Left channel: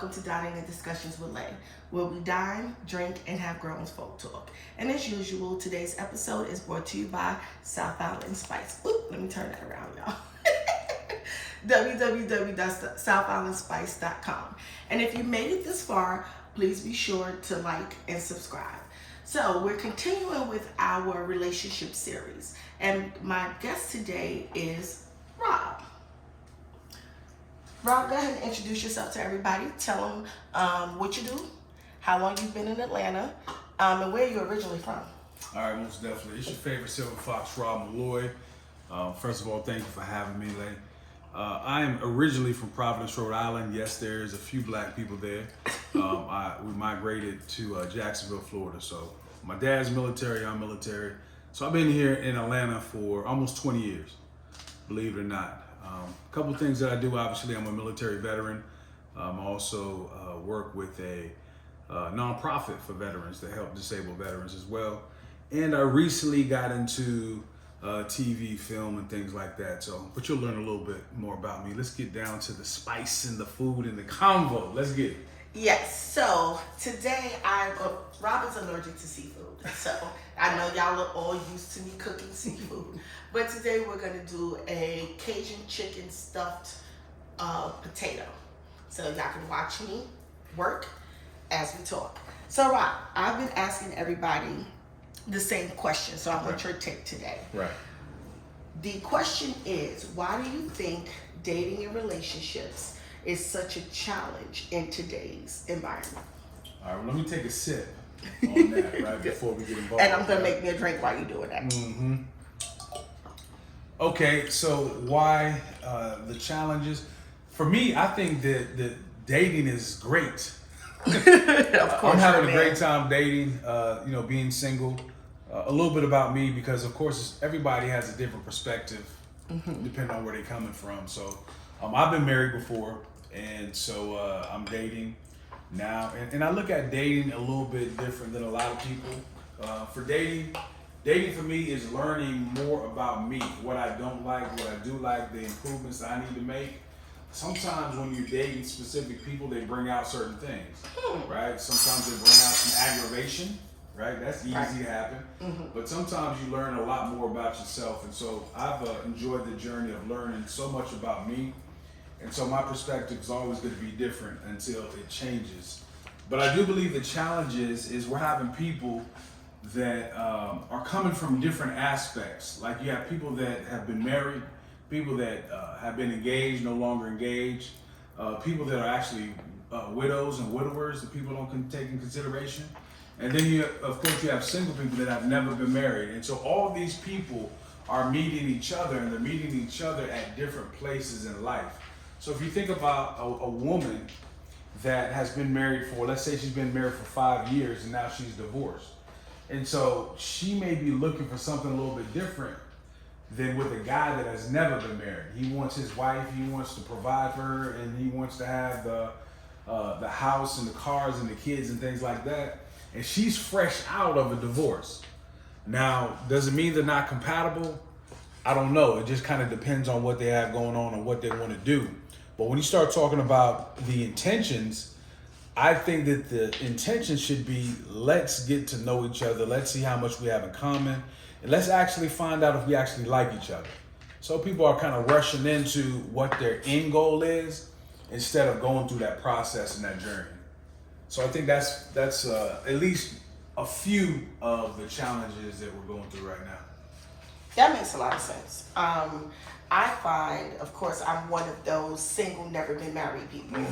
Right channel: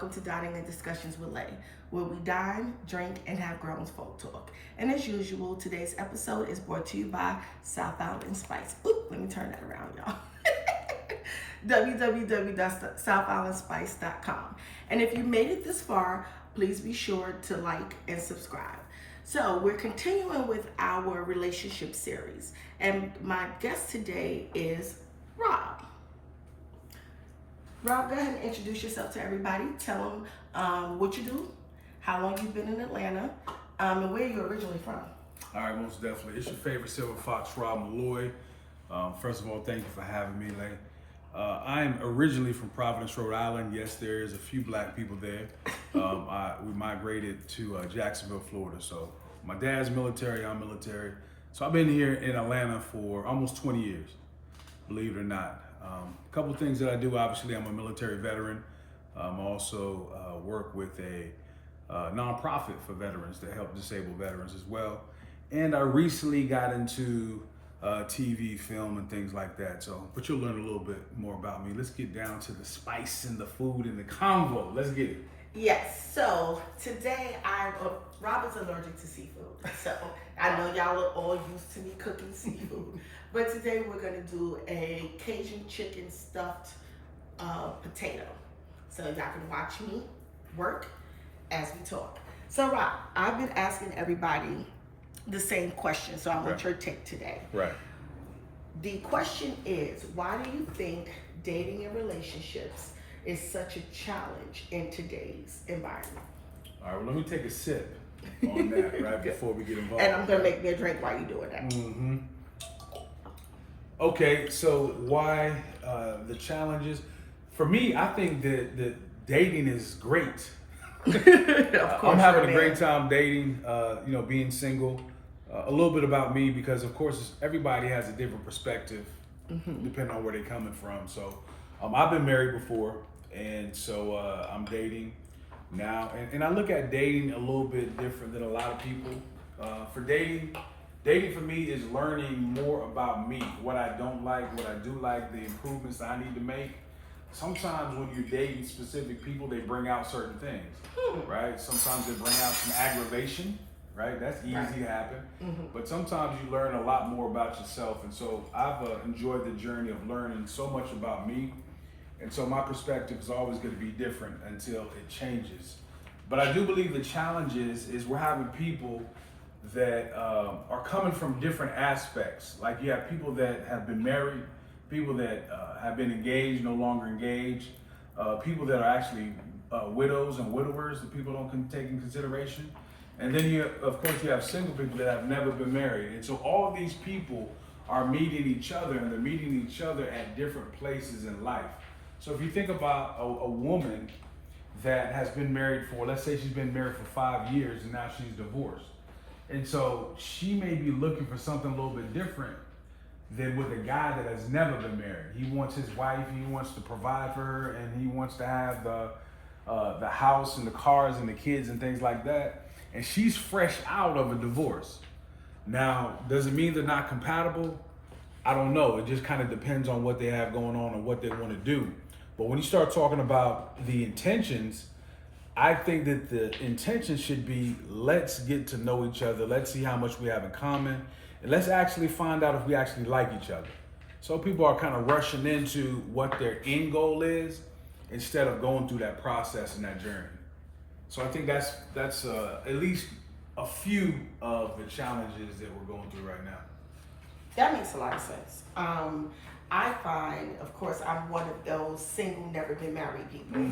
welcome to Dining and Discussions with Lay, where we dine, drink, and have grown folk talk. And as usual, today's episode is brought to you by South Island Spice. Oop, let me turn that around, y'all. www.southislandspice.com. And if you made it this far, please be sure to like and subscribe. So we're continuing with our relationship series, and my guest today is Rob. Rob, go ahead and introduce yourself to everybody. Tell them what you do, how long you've been in Atlanta, and where you're originally from. All right, most definitely. It's your favorite Silver Fox, Rob Malloy. First of all, thank you for having me, Lay. I am originally from Providence, Rhode Island. Yes, there's a few black people there. We migrated to Jacksonville, Florida. So my dad's military, I'm military. So I've been here in Atlanta for almost 20 years, believe it or not. A couple things that I do, obviously, I'm a military veteran. I also work with a nonprofit for veterans that help disabled veterans as well. And I recently got into TV, film, and things like that. So, but you'll learn a little bit more about me. Let's get down to the spice and the food and the convo. Let's get it. Yes, so today Rob is allergic to seafood. So I know y'all are all used to me cooking seafood. But today we're gonna do a Cajun chicken stuffed potato. So y'all can watch me work as we talk. So Rob, I've been asking everybody the same question, so I want your take today. Right. The question is, why do you think dating and relationships is such a challenge in today's environment? All right, well, let me take a sip on that right before we get involved. And I'm gonna make me a drink while you're doing that. Mm-hmm. Okay, so why the challenges? For me, I think that dating is great. I'm having a great time dating, being single. A little bit about me, because of course everybody has a different perspective depending on where they're coming from. So I've been married before, and so I'm dating now. And I look at dating a little bit different than a lot of people. For dating for me is learning more about me, what I don't like, what I do like, the improvements I need to make. Sometimes when you're dating specific people, they bring out certain things, right? Sometimes they bring out some aggravation, right? That's easy to happen. But sometimes you learn a lot more about yourself. And so I've enjoyed the journey of learning so much about me. And so my perspective is always going to be different until it changes. But I do believe the challenge is we're having people that are coming from different aspects. Like you have people that have been married, people that have been engaged, no longer engaged, people that are actually widows and widowers that people don't take in consideration. And then you have single people that have never been married. And so all of these people are meeting each other, and they're meeting each other at different places in life. So if you think about a woman that has been married for, let's say she's been married for 5 years and now she's divorced. And so she may be looking for something a little bit different than with a guy that has never been married. He wants his wife, he wants to provide for her, and he wants to have the house and the cars and the kids and things like that. And she's fresh out of a divorce. Now, does it mean they're not compatible? I don't know. It just kind of depends on what they have going on and what they want to do. But when you start talking about the intentions, I think that the intention should be, let's get to know each other. Let's see how much we have in common. And let's actually find out if we actually like each other. So people are kind of rushing into what their end goal is instead of going through that process and that journey. So I think that's at least a few of the challenges that we're going through right now. That makes a lot of sense. I find, of course, I'm one of those single, never been married people.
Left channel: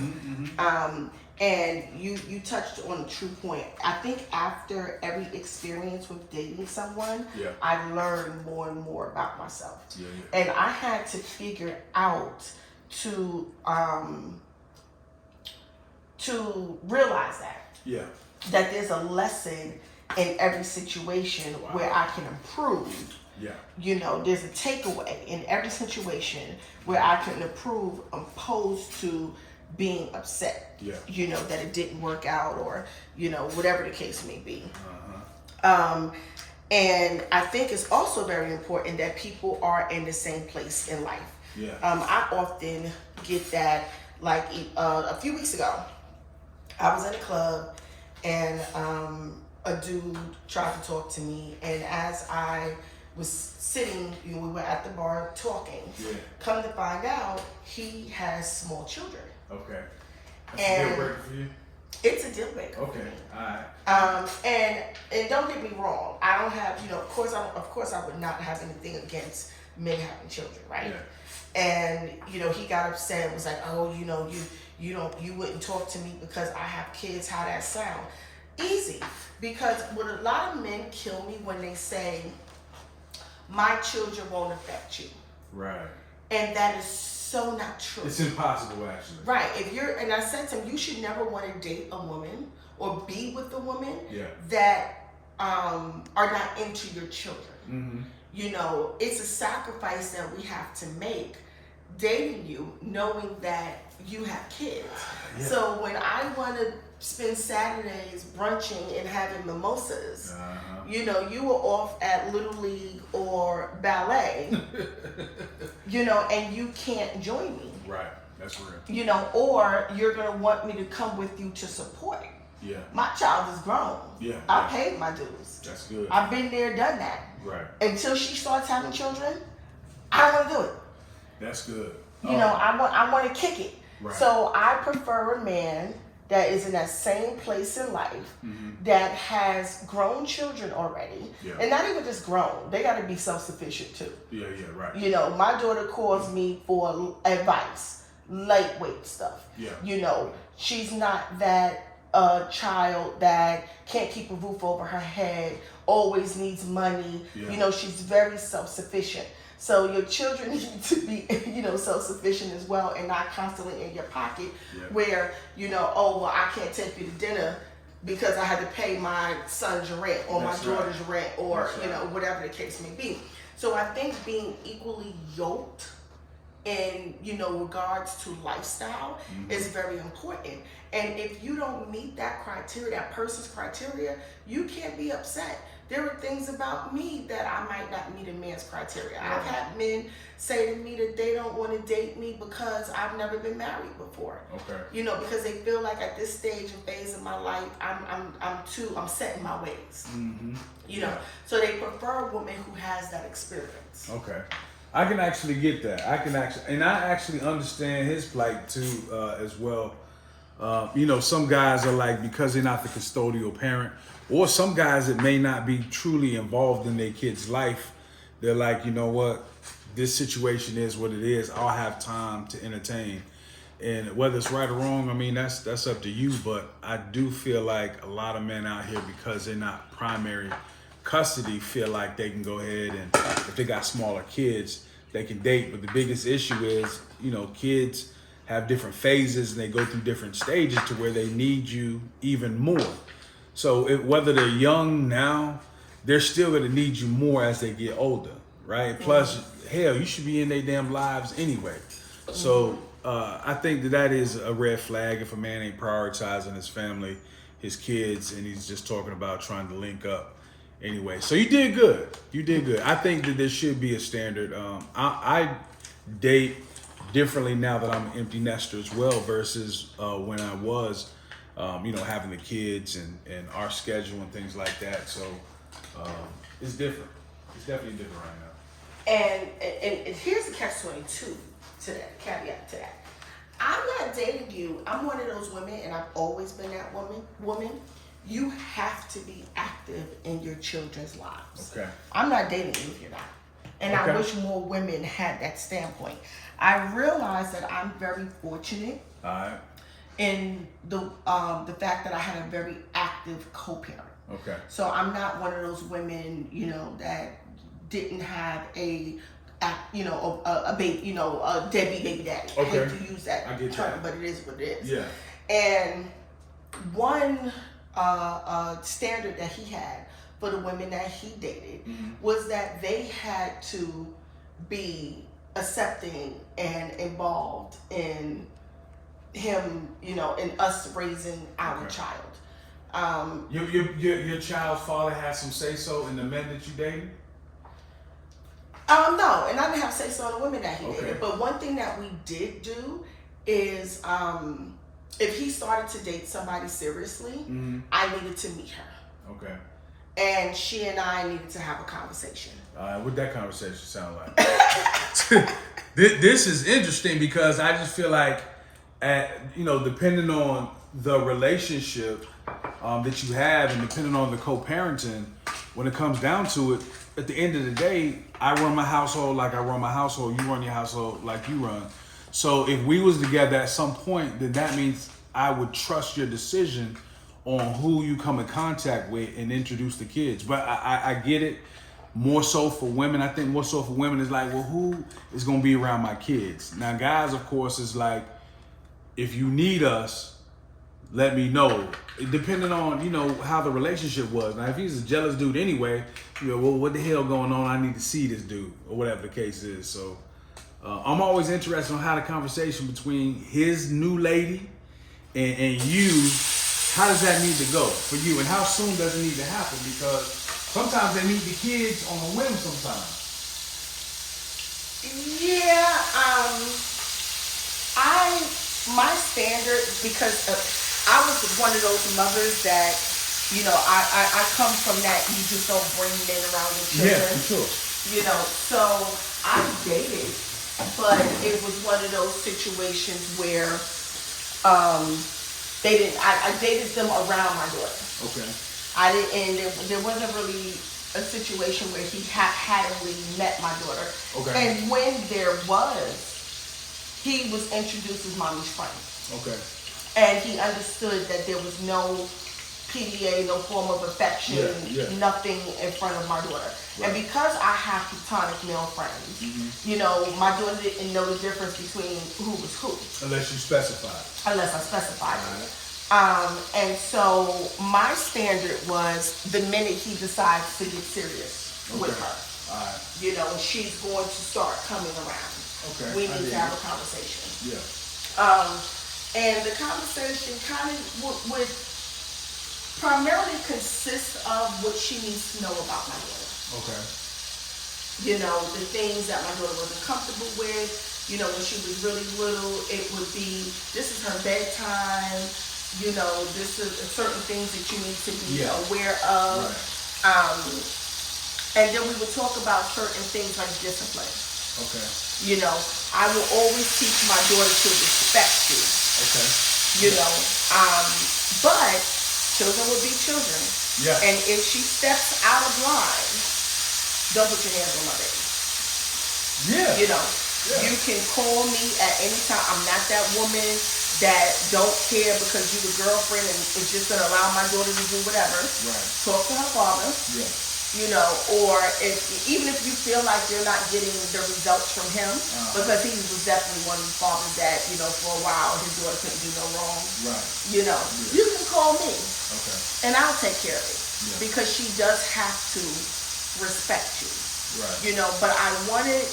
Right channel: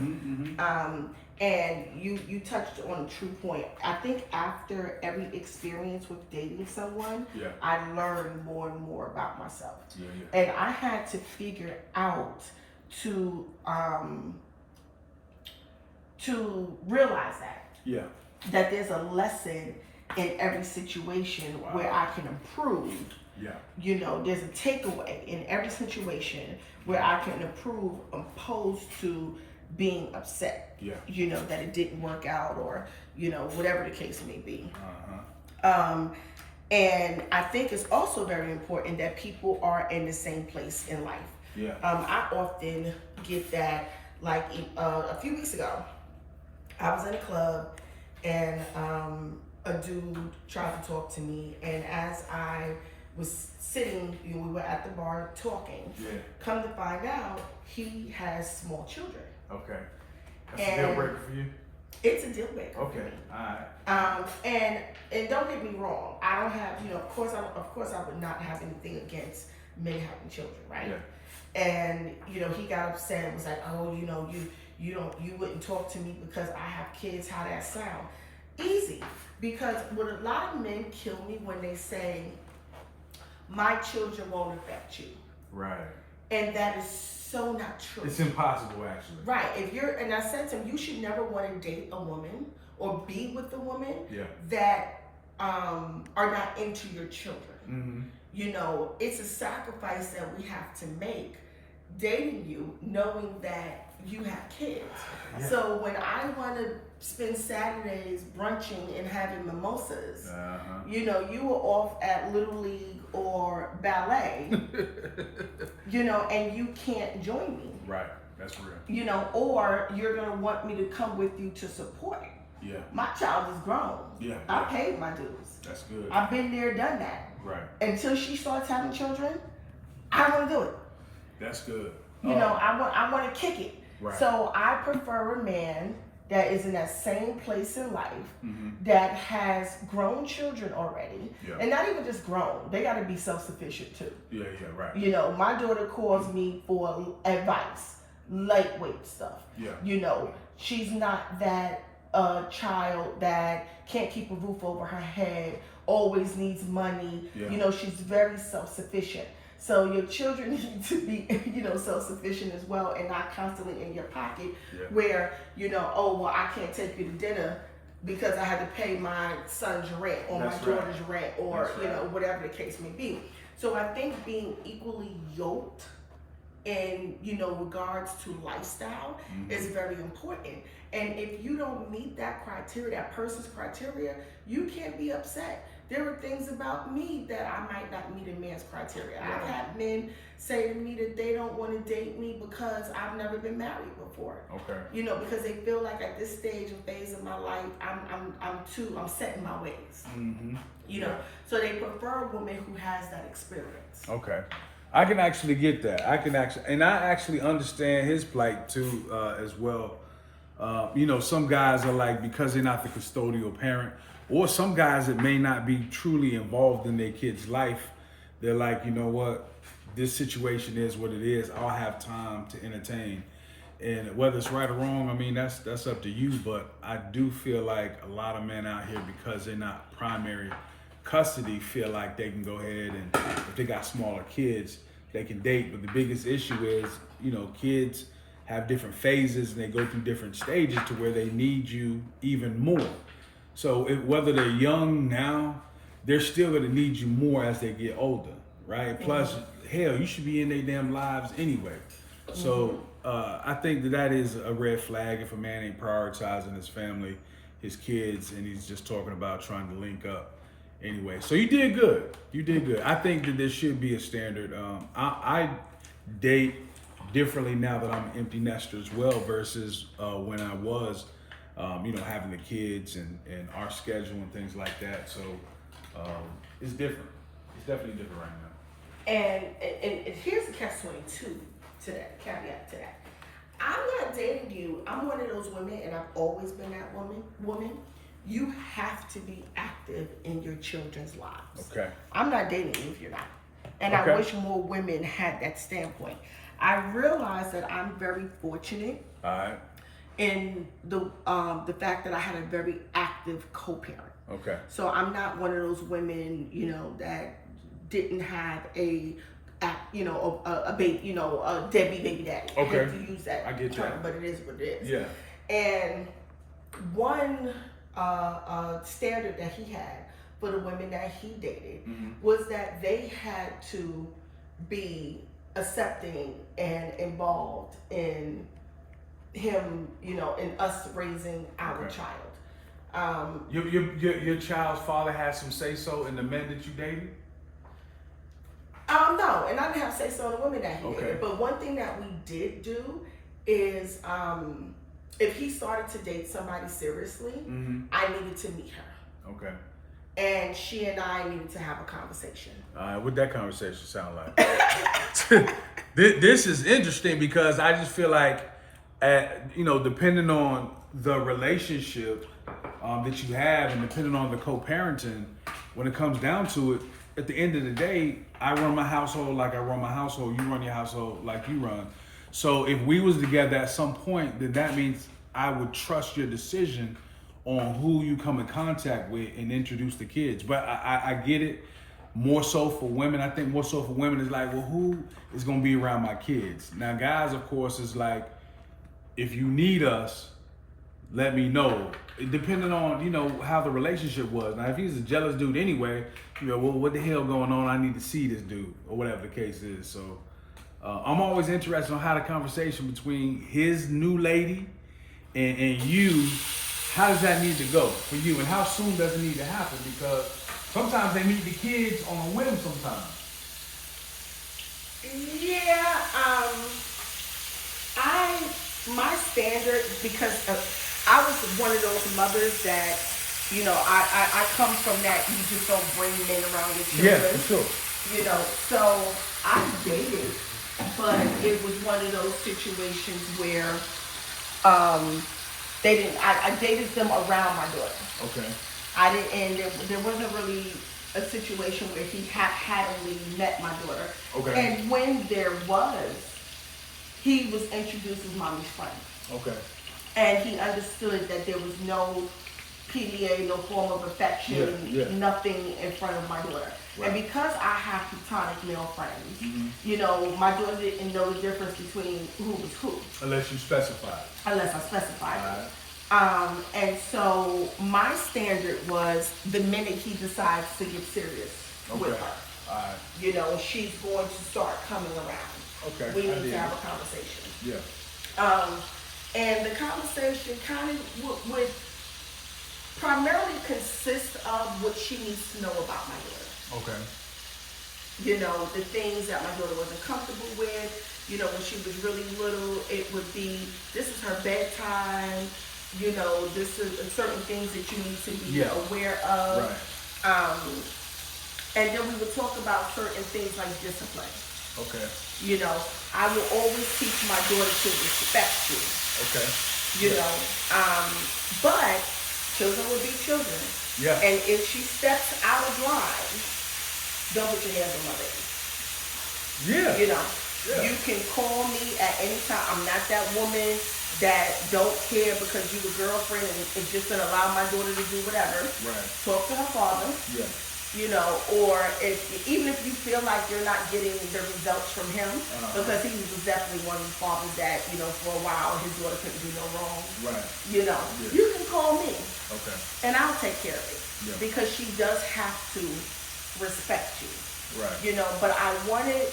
And you touched on a true point. I think after every experience with dating someone, I learned more and more about myself. And I had to figure out to realize that there's a lesson in every situation where I can improve. There's a takeaway in every situation where I can improve opposed to being upset, that it didn't work out, or, whatever the case may be. And I think it's also very important that people are in the same place in life. I often get that, like a few weeks ago, I was in a club and a dude tried to talk to me, and as I was sitting, we were at the bar talking. Yeah. Come to find out, he has small children. Okay. That's a deal breaker for you? It's a deal breaker. Okay. For me. All right. And don't get me wrong. I don't have, of course I would not have anything against men having children, right? Yeah. And he got upset and was like, oh, you wouldn't talk to me because I have kids. How that sound? Easy. Because what a lot of men kill me when they say, my children won't affect you. Right. And that is so not true. It's impossible, actually. Right. And I said to him, you should never want to date a woman or be with a woman that are not into your children. Mm-hmm. It's a sacrifice that we have to make dating you, knowing that you have kids. Yeah. So when I want to spend Saturdays brunching and having mimosas, you were off at Little League or ballet, and you can't join me. Right, that's real. Or you're going to want me to come with you to support. Yeah. My child is grown. Yeah. I paid my dues. That's good. I've been there, done that. Right. Until she starts having children, I want to do it. That's good. I want to kick it. Right. So I prefer a man that is in that same place in life that has grown children already, and not even just grown. They got to be self-sufficient too. Yeah, right. My daughter calls me for advice, lightweight stuff. Yeah. She's not that child that can't keep a roof over her head, always needs money. Yeah. She's very self-sufficient. So your children need to be, self-sufficient as well, and not constantly in your pocket where, oh, well, I can't take you to dinner because I had to pay my son's rent or my daughter's rent or, whatever the case may be. So I think being equally yoked in, regards to lifestyle is very important. And if you don't meet that criteria, that person's criteria, you can't be upset. There are things about me that I might not meet a man's criteria. Yeah. I've had men say to me that they don't want to date me because I've never been married before. Okay. Because they feel like at this stage and phase of my life, I'm set in my ways. Mm-hmm. So they prefer a woman who has that experience. Okay. I can actually get that. I actually understand his plight too, as well. Some guys are like, because they're not the custodial parent, or some guys that may not be truly involved in their kid's life, they're like, you know what, this situation is what it is. I'll have time to entertain. And whether it's right or wrong, I mean, that's up to you. But I do feel like a lot of men out here, because they're not primary custody, feel like they can go ahead and if they got smaller kids, they can date. But the biggest issue is, kids have different phases and they go through different stages to where they need you even more. So whether they're young now, they're still going to need you more as they get older, right? Plus, hell, you should be in their damn lives anyway. So I think that is a red flag if a man ain't prioritizing his family, his kids, and he's just talking about trying to link up anyway. So you did good. I think that there should be a standard. I date differently now that I'm an empty nester as well versus when I was having the kids and our schedule and things like that. So it's different. It's definitely different right now. And here's the catch-22 to that, caveat to that. I'm not dating you. I'm one of those women, and I've always been that woman. You have to be active in your children's lives. Okay. I'm not dating you if you're not. And I wish more women had that standpoint. I realize that I'm very fortunate. All right. In the fact that I had a very active co-parent. Okay. So I'm not one of those women, that didn't have a baby, a deadbeat baby daddy. Okay. I hate to use that term, but it is what it is. Yeah. And one standard that he had for the women that he dated was that they had to be accepting and involved in him, in us raising our child. Your child's father had some say so in the men that you dated? No, and I didn't have say so in the women that he dated. But one thing that we did do is if he started to date somebody seriously, I needed to meet her. Okay. And she and I needed to have a conversation. What that conversation sound like? This is interesting because I just feel like, depending on the relationship that you have and depending on the co-parenting, when it comes down to it, at the end of the day, I run my household like I run my household. You run your household like you run. So if we was together at some point, then that means I would trust your decision on who you come in contact with and introduce the kids. But I get it. More so for women. I think more so for women is like, well, who is going to be around my kids? Now, guys, of course, is like, if you need us, let me know. Depending on, how the relationship was. Now, if he's a jealous dude anyway, well, what the hell going on? I need to see this dude, or whatever the case is. So I'm always interested on how the conversation between his new lady and you, how does that need to go for you? And how soon does it need to happen? Because sometimes they meet the kids on a whim sometimes. Yeah, my standard, because I was one of those mothers that, I come from that, you just don't bring men around your children. Yeah, for sure. So I dated, but it was one of those situations where I dated them around my daughter. Okay. I didn't, and there wasn't really a situation where he hadn't met my daughter. Okay. And when there was, he was introduced as mommy's friend. Okay. And he understood that there was no PDA, no form of affection, nothing in front of my daughter. Right. And because I have platonic male friends, my daughter didn't know the difference between who was who. Unless you specified. Unless I specified. Right. And so my standard was the minute he decides to get serious with her. All right. And she's going to start coming around. Okay. We need to have a conversation. Yeah. And the conversation kind of would primarily consist of what she needs to know about my daughter. Okay. The things that my daughter wasn't comfortable with. When she was really little, it would be, this is her bedtime. This is certain things that you need to be aware of. Right. And then we would talk about certain things like discipline. Okay. I will always teach my daughter to respect you. Okay. But children will be children. Yeah. And if she steps out of line, don't put your hands on my baby. Yeah. You can call me at any time. I'm not that woman that don't care because you're the girlfriend and is just going to allow my daughter to do whatever. Right. Talk to her father. Yeah. Or even if you feel like you're not getting the results from him, because he was definitely one of the fathers that, for a while his daughter couldn't do no wrong. Right. You can call me. Okay. And I'll take care of it. Yeah. Because she does have to respect you. Right. But I wanted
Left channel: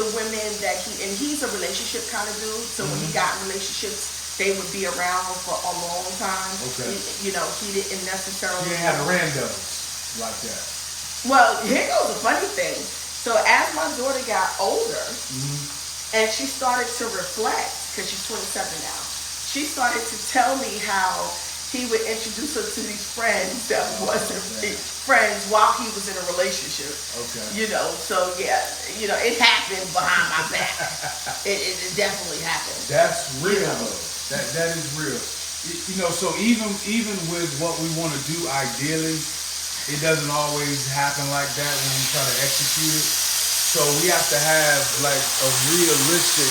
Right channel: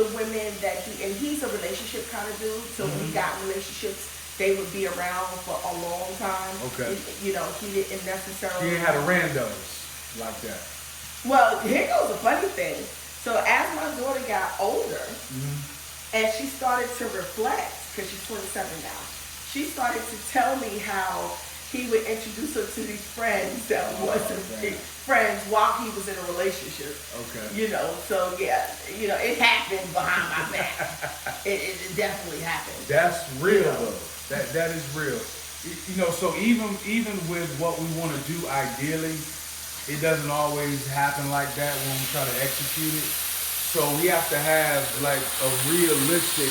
the women that he's a relationship kind of dude, so when he got in relationships, they would be around for a long time. Okay. He didn't necessarily. He had a randos like that. Well, here goes a funny thing. So as my daughter got older, and she started to reflect, because she's 27 now, she started to tell me how he would introduce her to these friends that wasn't friends while he was in a relationship. Okay. So yeah, it happened behind my back. It definitely happened. That's real though. That is real. So even with what we want to do ideally, it doesn't always happen like that when we try to execute it. So we have to have like a realistic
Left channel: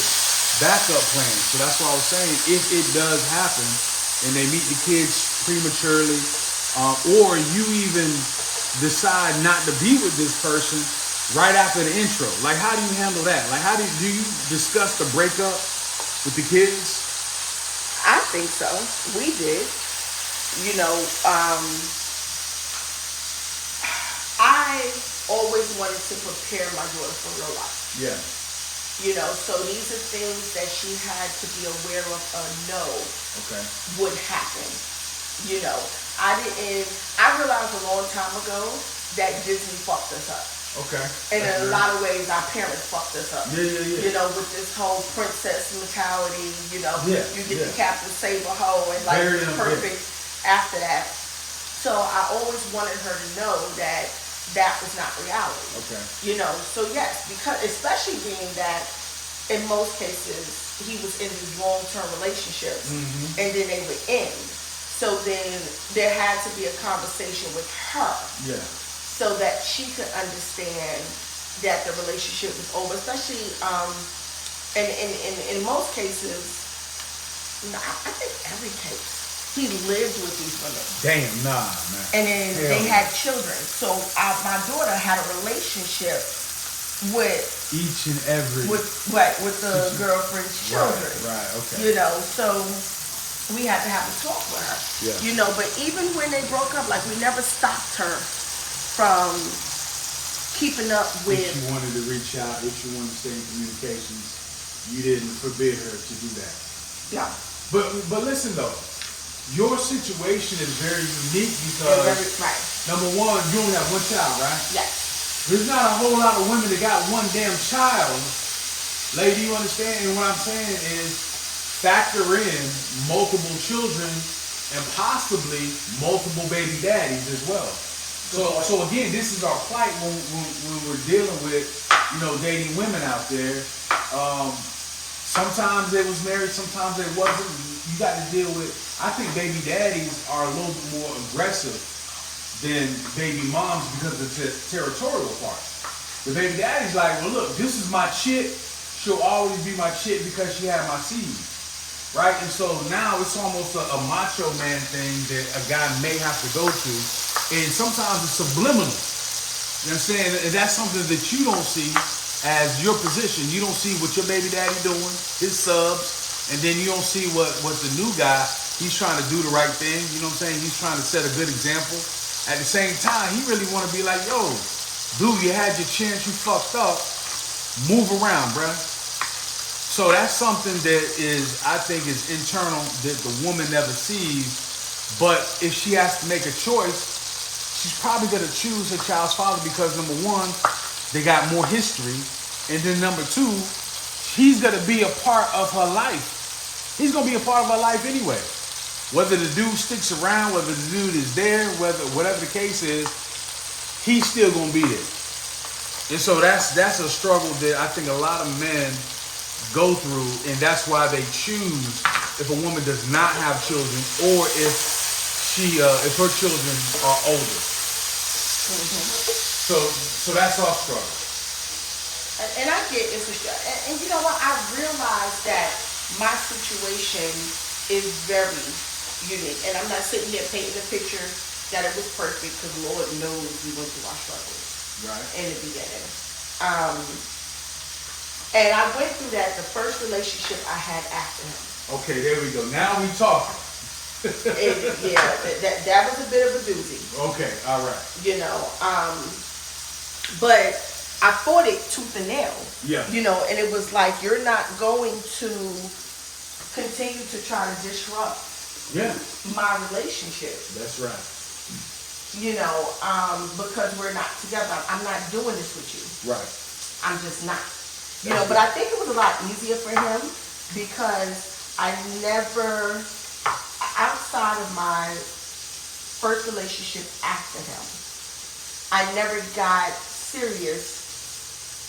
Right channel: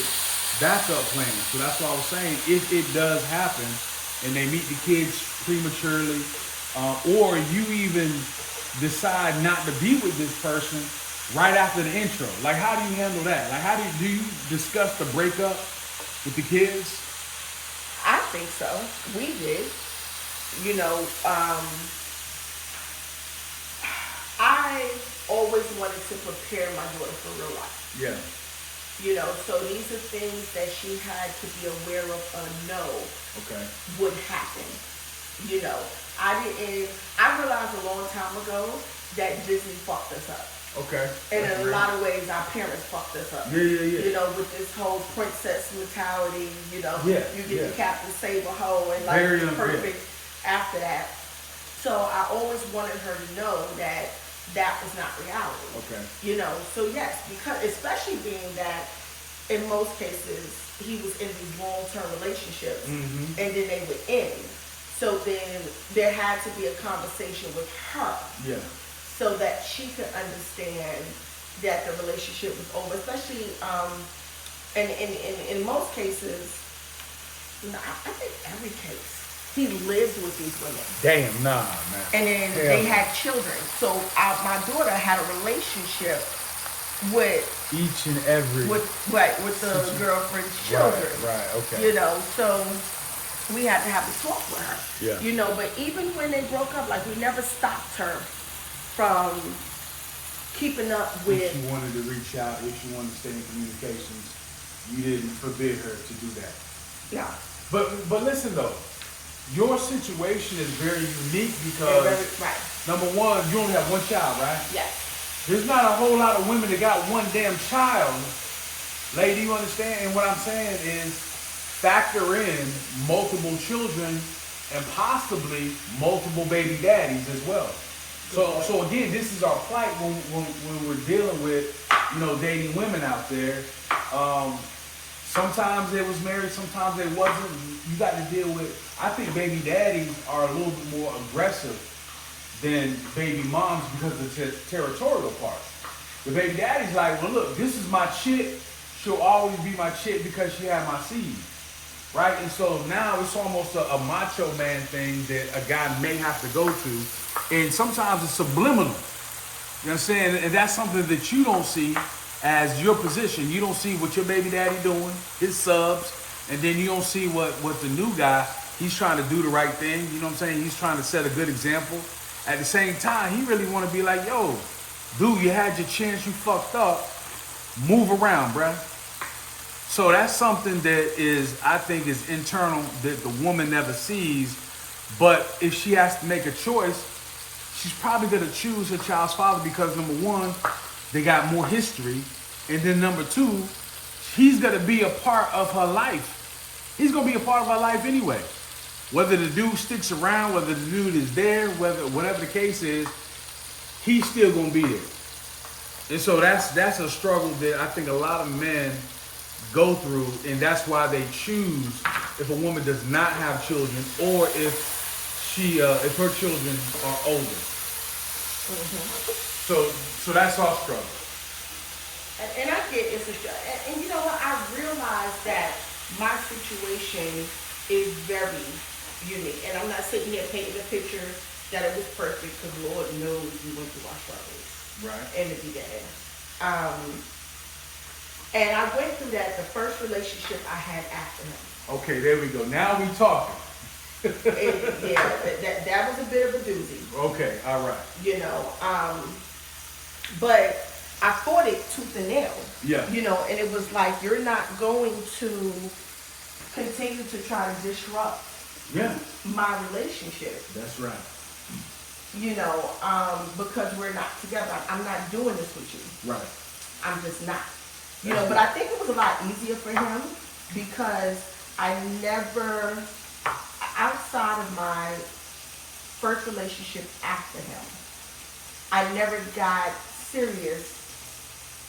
backup plan. So that's why I was saying, if it does happen and they meet the kids prematurely, or you even decide not to be with this person right after the intro, like how do you handle that? Like how do you discuss the breakup with the kids? I think so. We did. I always wanted to prepare my daughter for real life. Yeah. So these are things that she had to be aware of or know would happen. I realized a long time ago that Disney fucked us up. Okay. And in a lot of ways, our parents fucked us up. Yeah. You know, with this whole princess mentality, you know, Yeah, you get the Captain Save a hoe and like Very perfect after that. So I always wanted her to know that that was not reality. Okay. You know, so yes, because especially being that in most cases he was in these long-term relationships and then they would end. So then there had to be a conversation with her. Yeah. So that she could understand that the relationship was over, especially in most cases, I think every case, he lived with these women. Damn, nah, man. And then they had children. So my daughter had a relationship with each and every with the girlfriend's children. Right, okay. You know, so we had to have a talk with her. Yeah. You know, but even when they broke up, like we never stopped her from keeping up with. If she wanted to reach out, if she wanted to stay in communications, you didn't forbid her to do that. No. But listen though, your situation is very unique because right. Number one, you only have one child, right? Yes. There's not a whole lot of women that got one damn child. Lady, you understand? And what I'm saying is factor in multiple children and possibly multiple baby daddies as well. So again, this is our plight when we're dealing with, you know, dating women out there. Sometimes they was married, sometimes they wasn't. You got to deal with, I think baby daddies are a little bit more aggressive than baby moms because of the territorial part. The baby daddy's like, well look, this is my chick. She'll always be my chick because she had my seed. Right? And so now it's almost a macho man thing that a guy may have to go to. And sometimes it's subliminal. You understand? And that's something that you don't see as your position. You don't see what your baby daddy doing, his subs, and then you don't see what the new guy, he's trying to do the right thing. You know what I'm saying? He's trying to set a good example. At the same time, he really want to be like, yo, dude, you had your chance, you fucked up. Move around, bruh. So that's something that is, I think, is internal that the woman never sees. But if she has to make a choice, she's probably going to choose her child's father because, number one, they got more history. And then number two, he's going to be a part of her life. He's going to be a part of her life anyway. Whether the dude sticks around, whether the dude is there, whatever the case is, he's still going to be there. And so that's a struggle that I think a lot of men go through, and that's why they choose if a woman does not have children or if her children are older. So that's our struggle. And I get it's and you know what? I realize that my situation is very unique, and I'm not sitting there painting a picture that it was perfect because Lord knows we went through our struggles. Right. In the beginning. And I went through that the first relationship I had after him. Okay, there we go. Now we talking. That was a bit of a doozy. Okay, all right. You know, but I fought it tooth and nail. Yeah. You know, and it was like, you're not going to continue to try to disrupt my relationship. That's right. You know, because we're not together. I'm not doing this with you. Right. I'm just not. You know, but I think it was a lot easier for him because I never, outside of my first relationship after him, I never got serious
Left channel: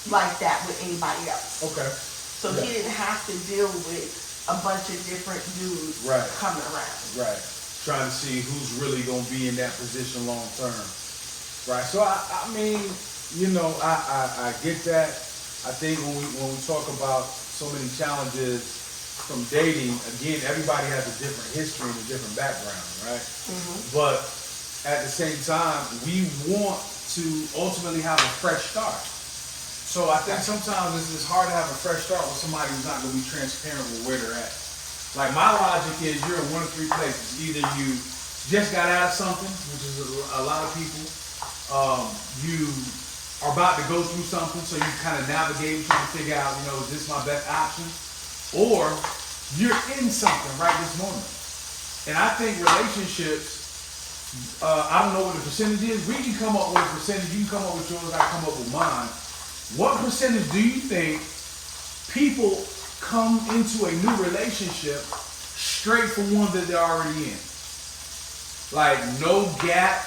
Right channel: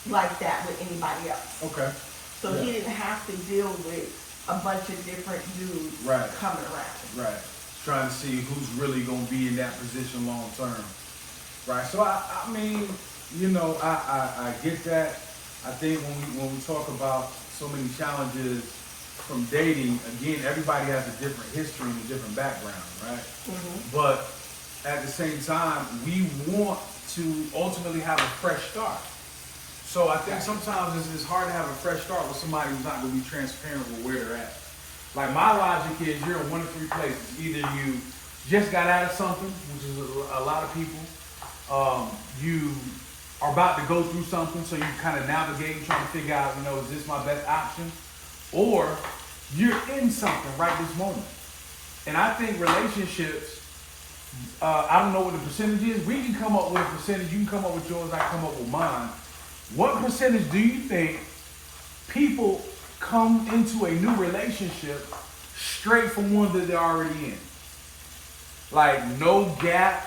like that with anybody else. Okay. So he didn't have to deal with a bunch of different dudes coming around. Right. Trying to see who's really going to be in that position long term. Right. So, I mean, you know, I get that. I think when we talk about so many challenges from dating, again, everybody has a different history and a different background, right? Mm-hmm. But at the same time, we want to ultimately have a fresh start. So I think sometimes it's hard to have a fresh start with somebody who's not going to be transparent with where they're at. Like my logic is you're in one of three places. Either you just got out of something, which is a lot of people. You are about to go through something, so you kind of navigate, trying to figure out, you know, is this my best option? Or you're in something right this moment. And I think relationships, I don't know what the percentage is. We can come up with a percentage. You can come up with yours. I come up with mine. What percentage do you think people come into a new relationship straight from one that they're already in? Like no gap,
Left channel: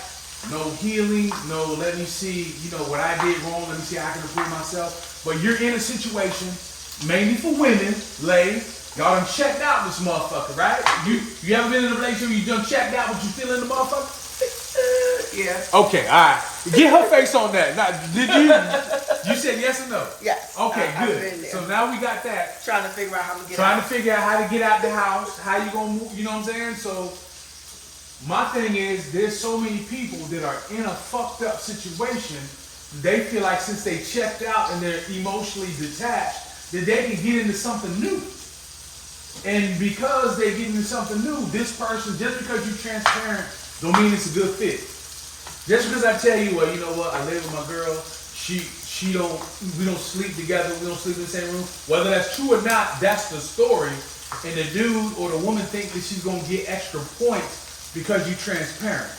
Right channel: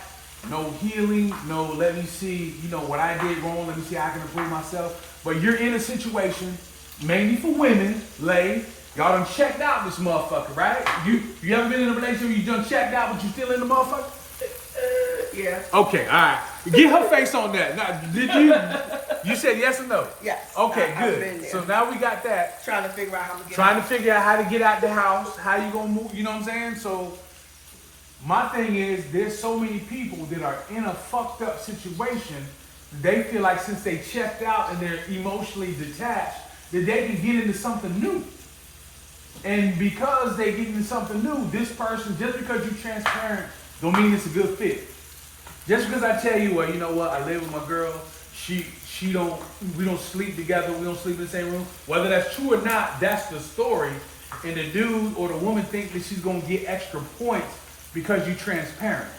no healing, no let me see, what I did wrong, let me see how I can improve myself. But you're in a situation, mainly for women, y'all done checked out this motherfucker, right? You ever been in a relationship where you done checked out but you still in the motherfucker? Yeah. Okay, alright. Get her face on that. Now, did you said yes or no? Yes. Okay, I've good. been there. So now we got that. Trying to figure out how to get Trying out. to figure out how to get out the house, how you gonna move, you know what I'm saying? So my thing is, there's so many people that are in a fucked up situation. They feel like since they checked out and they're emotionally detached, that they can get into something new. And because they get into something new, this person, just because you're transparent, don't mean it's a good fit. Just because I tell you, well, you know what, I live with my girl, we don't sleep together, we don't sleep in the same room. Whether that's true or not, that's the story. And the dude or the woman think that she's gonna get extra points because you're transparent.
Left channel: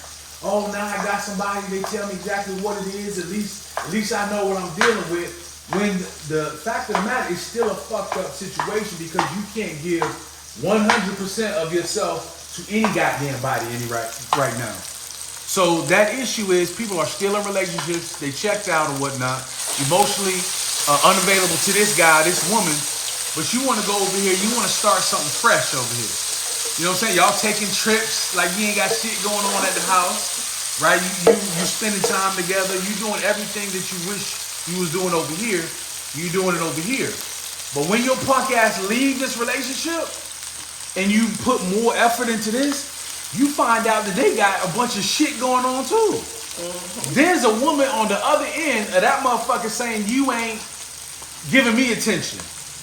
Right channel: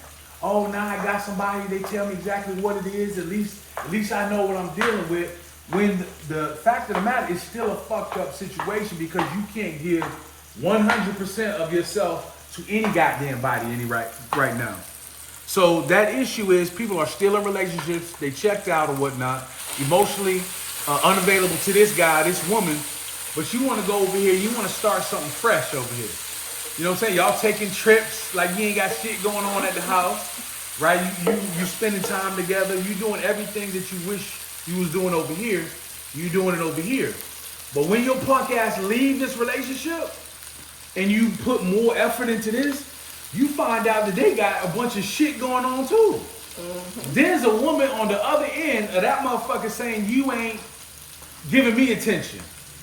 Oh, now I got somebody, they tell me exactly what it is, at least I know what I'm dealing with. When the fact of the matter is still a fucked up situation because you can't give 100% of yourself to any goddamn body right now. So that issue is people are still in relationships, they checked out or whatnot, emotionally unavailable to this guy, this woman, but you want to go over here, you want to start something fresh over here. You know what I'm saying? Y'all taking trips like you ain't got shit going on at the house, right? You spending time together, you doing everything that you wish you was doing over here, you doing it over here. But when your punk ass leave this relationship and you put more effort into this, you find out that they got a bunch of shit going on too. Mm-hmm. There's a woman on the other end of that motherfucker saying you ain't giving me attention.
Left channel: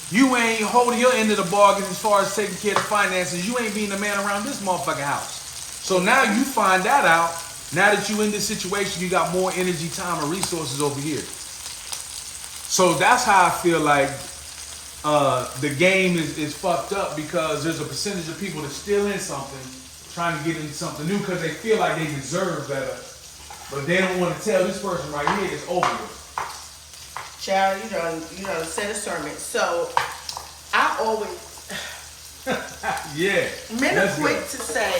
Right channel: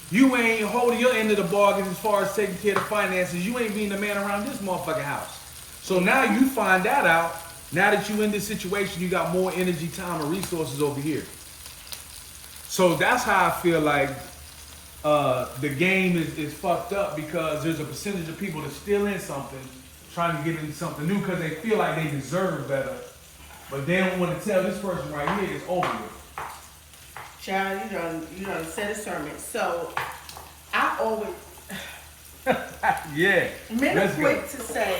You ain't holding your end of the bargain as far as taking care of the finances. You ain't being the man around this motherfucking house. So now you find that out. Now that you in this situation, you got more energy, time, and resources over here. So that's how I feel like the game is fucked up because there's a percentage of people that's still in something, trying to get into something new because they feel like they deserve better, but they don't want to tell this person right here it's over with. Child, you done said a sermon. So I always yeah. Men are quick to say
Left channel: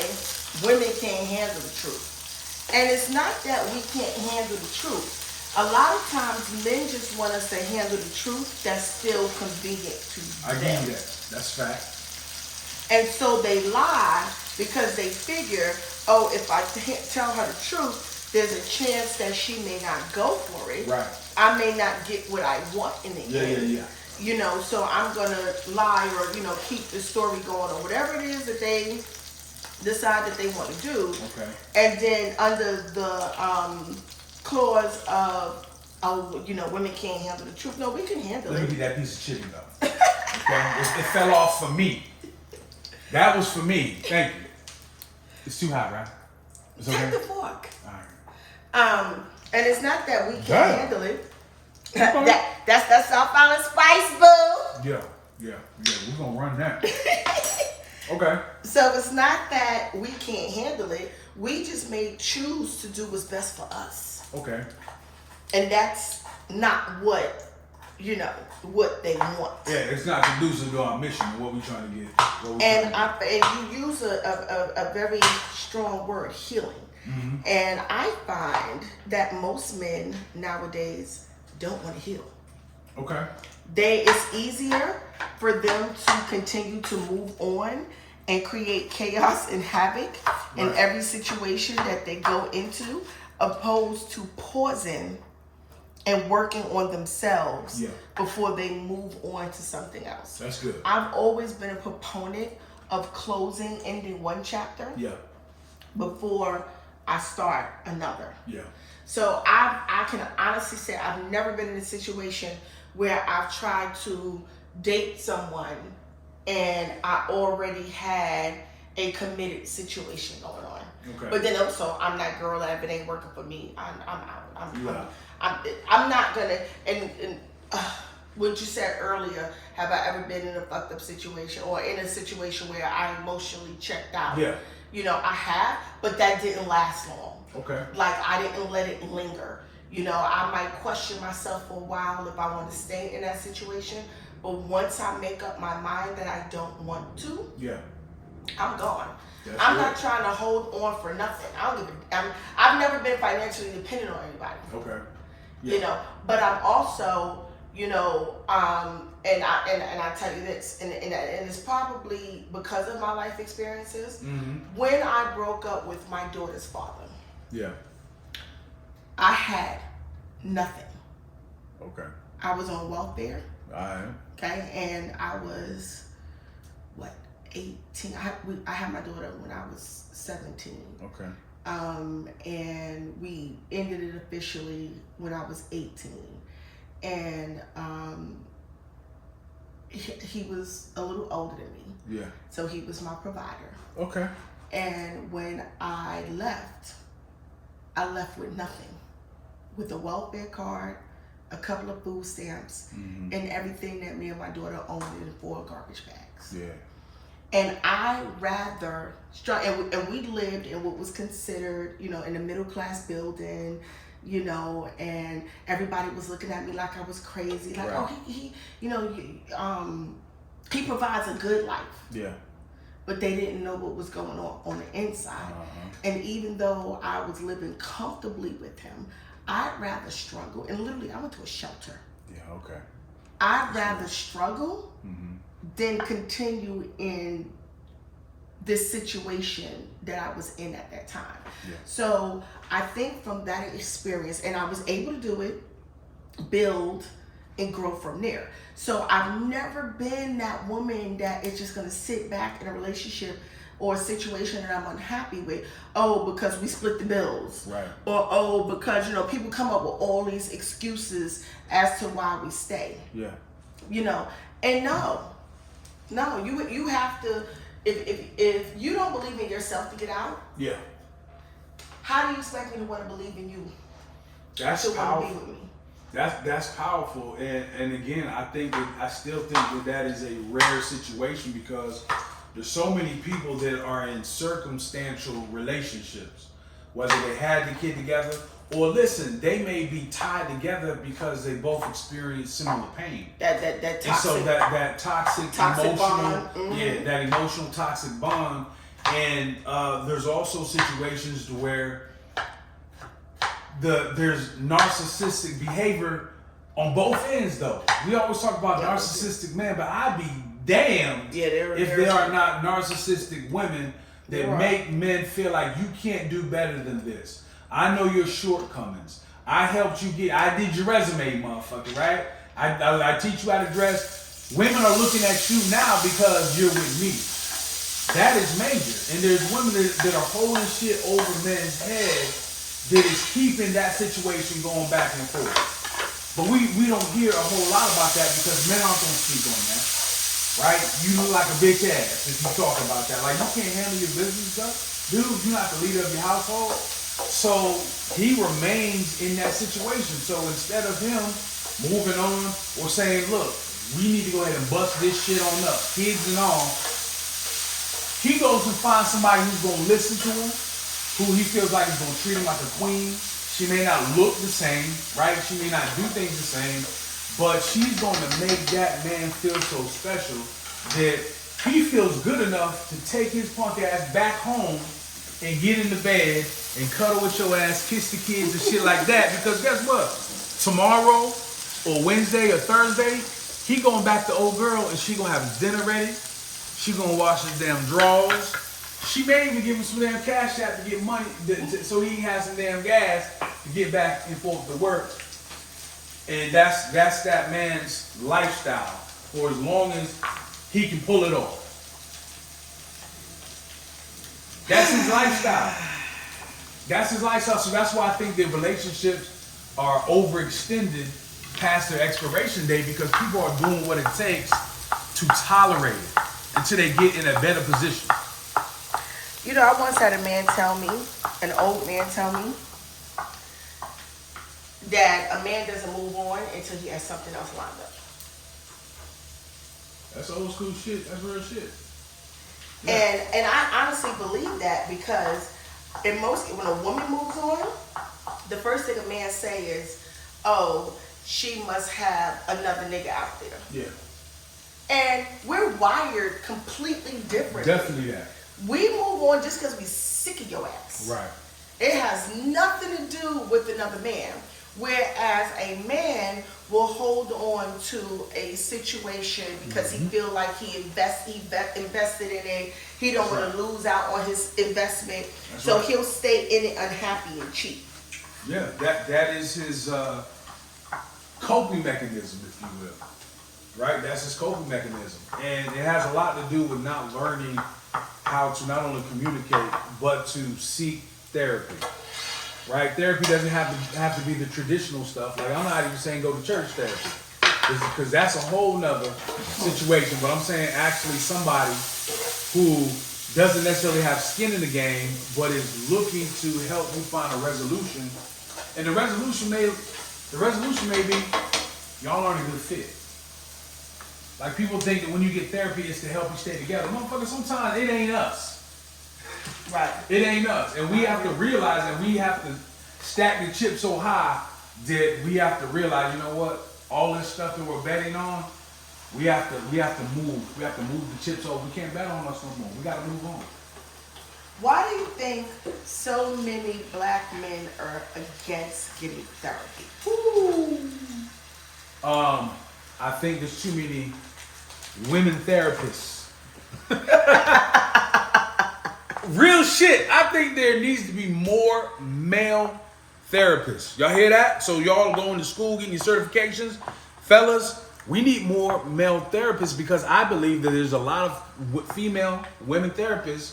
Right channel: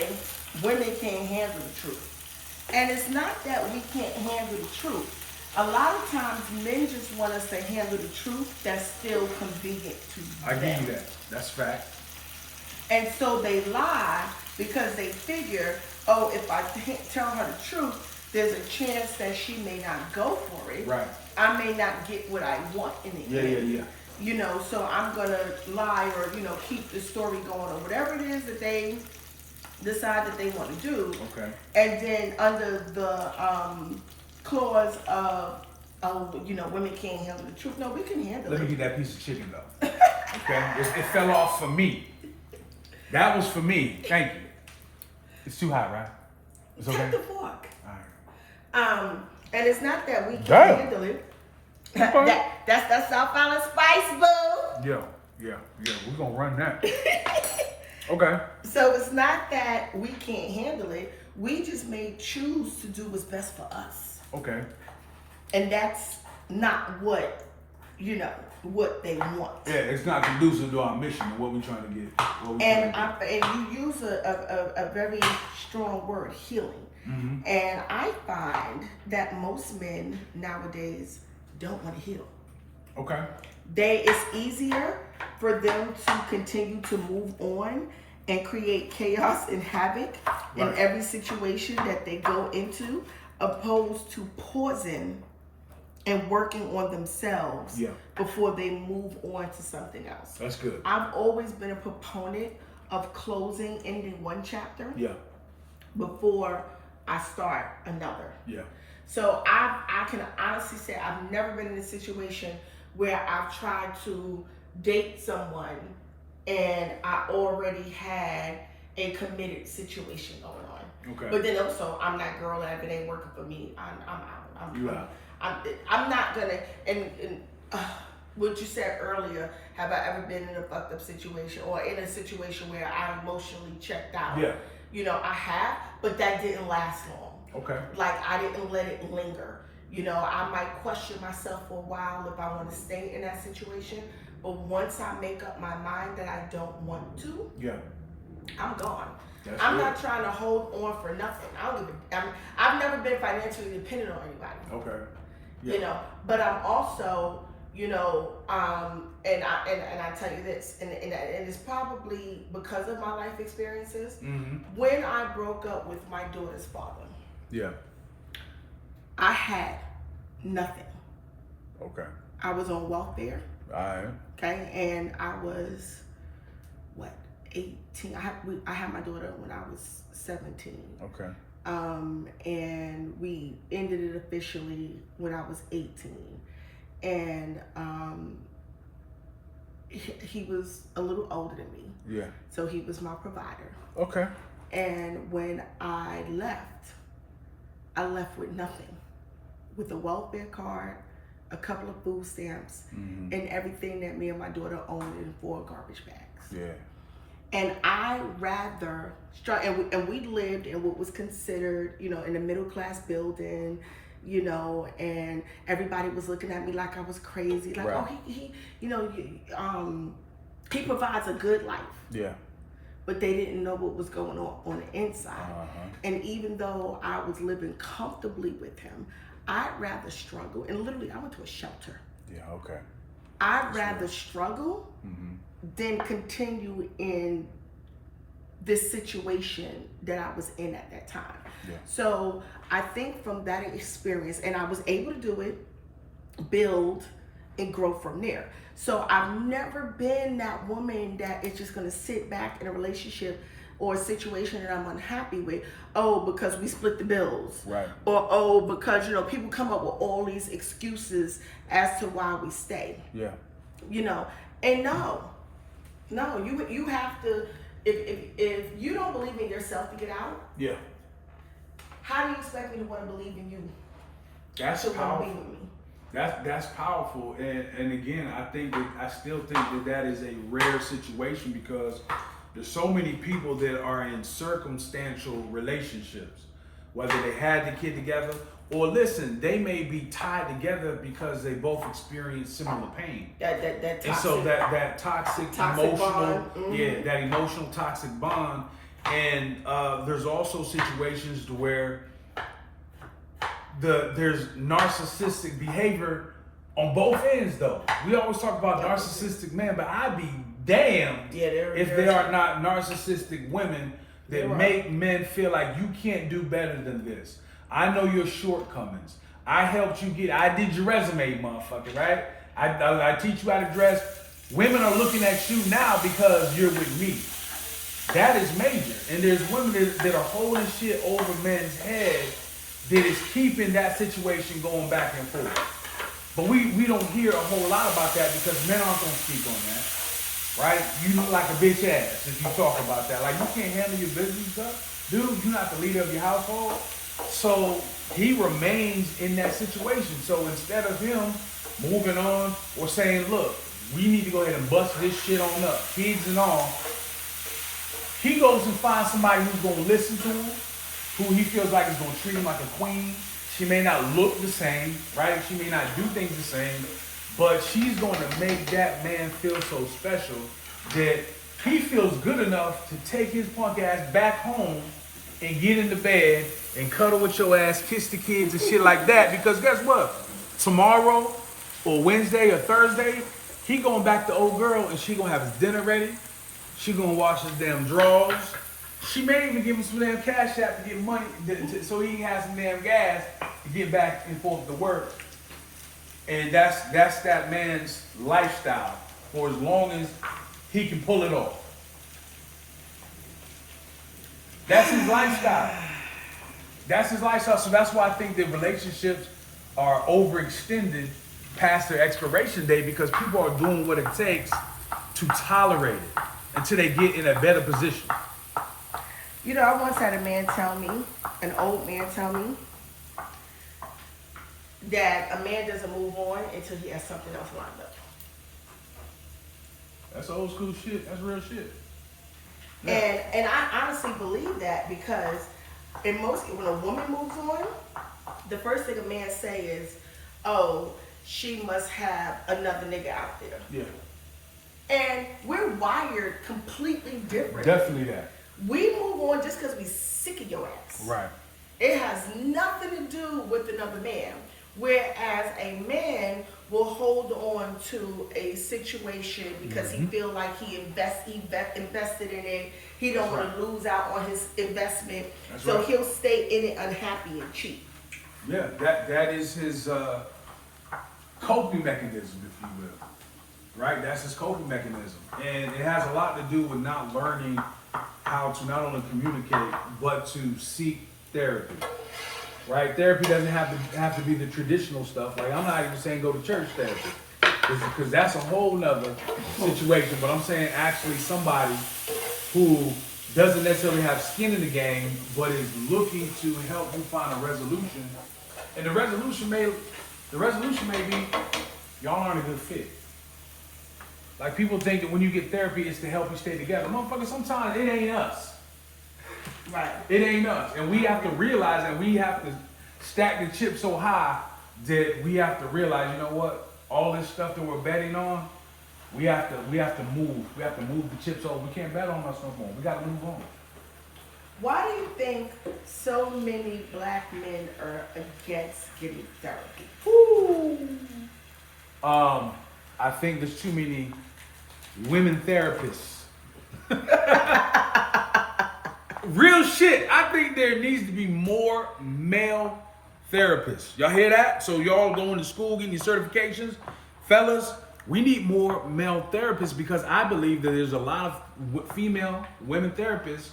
women can't handle the truth. And it's not that we can't handle the truth. A lot of times men just want us to handle the truth that's still convenient to them. I give you that. That's fact. And so they lie because they figure, oh, if I tell her the truth, there's a chance that she may not go for it. Right. I may not get what I want in the end. Yeah. You know, so I'm going to lie or, keep the story going or whatever it is that they decide that they want to do. Okay. And then under the clause of, women can't handle the truth. No, we can handle it. Let me get that piece of chicken though. Okay? It fell off for me. That was for me. Thank you. It's too hot, right? It's okay? Take the fork. All right. And it's not that we can't handle it. That's South Island Spice, boo. Yeah. We're gonna run that. Okay. So it's not that we can't handle it. We just may choose to do what's best for us. Okay. And that's not what they want. Yeah, it's not conducive to our mission and what we're trying to get. And you use a very strong word, healing. Mm-hmm. And I find that most men nowadays don't want to heal. Okay. It's easier for them to continue to move on and create chaos and havoc in every situation that they go into, opposed to pausing and working on themselves before they move on to something else. That's good. I've always been a proponent of ending one chapter before I start another. Yeah. So I can honestly say I've never been in a situation where I've tried to date someone and I already had a committed situation going on. Okay. But then also I'm that girl that if it ain't working for me, I'm out. I'm not gonna. And what you said earlier, have I ever been in a fucked up situation or in a situation where I emotionally checked out? Yeah. You know, I have, but that didn't last long. Okay. Like, I didn't let it linger. You know, I might question myself for a while if I want to stay in that situation. But once I make up my mind that I don't want to, yeah, I'm gone. That's I'm good. not trying to hold on for nothing. I don't give I've never been financially dependent on anybody. Okay. Yeah. You know, but I'm also, you know, and I tell you this, and it's probably because of my life experiences. Mm-hmm. When I broke up with my daughter's father, yeah, I had nothing. okay, I was on welfare. all right, Okay, and I was what, 18. I had my daughter when I was 17. okay, and we ended it officially when I was 18. And he was a little older than me. yeah, So he was my provider. okay, And when I left with nothing, with a welfare card, a couple of food stamps, mm-hmm. and everything that me and my daughter owned in 4 garbage bags. yeah, And I rather, and we lived in what was considered, you know, in a middle class building, you know, and everybody was looking at me like I was crazy. Like, right. oh, he you know, he provides a good life. yeah, But they didn't know what was going on the inside. uh-huh. And even though I was living comfortably with him, I'd rather struggle. And literally, I went to a shelter. Yeah, okay. I'd rather struggle Mm-hmm. than continue in this situation that I was in at that time. Yeah. So I think from that experience, and I was able to do it, build, and grow from there. So I've never been that woman that is just gonna sit back in a relationship or a situation that I'm unhappy with, oh, because we split the bills. Right. Or, oh, because, you know, people come up with all these excuses as to why we stay. Yeah. You know, and no, you have to, if you don't believe in yourself to get out, Yeah. how do you expect me to want to believe in you That's to want to powerful. be with me? That's powerful, and again, I still think that is a rare situation because there's so many people that are in circumstantial relationships, whether they had the kid together or listen, they may be tied together because they both experience similar pain. That toxic, And so that toxic emotional, bond. Mm-hmm. yeah, that emotional toxic bond, and there's also situations to where there's narcissistic behavior on both ends though. We always talk about narcissistic men, but I'd be damned if there are not narcissistic women that make men feel like you can't do better than this. I know your shortcomings. I helped you I did your resume, motherfucker, right? I teach you how to dress. Women are looking at you now because you're with me. That is major. And there's women that are holding shit over men's heads that is keeping that situation going back and forth. But we don't hear a whole lot about that because men aren't going to speak on that, right? You look like a bitch ass if you talk about that. Like, you can't handle your business stuff. Dude, you're not the leader of your household. So he remains in that situation. So instead of him moving on or saying, look, we need to go ahead and bust this shit on up, kids and all, he goes and finds somebody who's going to listen to him, who he feels like is going to treat him like a queen. She may not look the same, right? She may not do things the same, but she's going to make that man feel so special that he feels good enough to take his punk ass back home and get in the bed and cuddle with your ass, kiss the kids and shit like that. Because guess what? Tomorrow or Wednesday or Thursday, he going back to old girl and she going to have his dinner ready. She going to wash his damn drawers. She may even give him some damn cash out to get money so he has some damn gas to get back and forth to work. And that's that man's lifestyle for as long as he can pull it off. That's his lifestyle. That's his lifestyle. So that's why I think that relationships are overextended past their expiration date because people are doing what it takes to tolerate it until they get in a better position. You know, I once had a man tell me, an old man tell me, that a man doesn't move on until he has something else lined up. That's old school shit. That's real shit. And I honestly believe that because when a woman moves on, the first thing a man say is, "Oh, she must have another nigga out there." Yeah. And we're wired completely different. Definitely that. We move on just because we sick of your ass. Right. It has nothing to do with another man. Whereas a man will hold on to a situation because he feel like he invested in it. He don't want to lose out on his investment. So he'll stay in it unhappy and cheap. Yeah, that is his coping mechanism, if you will. Right? That's his coping mechanism. And it has a lot to do with not learning how to not only communicate, but to seek therapy. Right? Therapy doesn't have to be the traditional stuff. Like, I'm not even saying go to church therapy, because that's a whole nother situation. But I'm saying actually somebody who doesn't necessarily have skin in the game, but is looking to help you find a resolution. And the resolution may be y'all aren't a good fit. Like, people think that when you get therapy, it's to help you stay together. Motherfucker, sometimes it ain't us. Right. It ain't us. And we have to realize that we have to stack the chip so high that we have to realize, you know what? All this stuff that we're betting on, we have to move. We have to move the chips over. We can't bet on us no more. We got to move on. Why do you think so many black men are against getting therapy? I think there's too many women therapists. Real shit. I think there needs to be more male therapists. Y'all hear that? So y'all going to school, getting your certifications. Fellas, we need more male therapists because I believe that there's a lot of female women therapists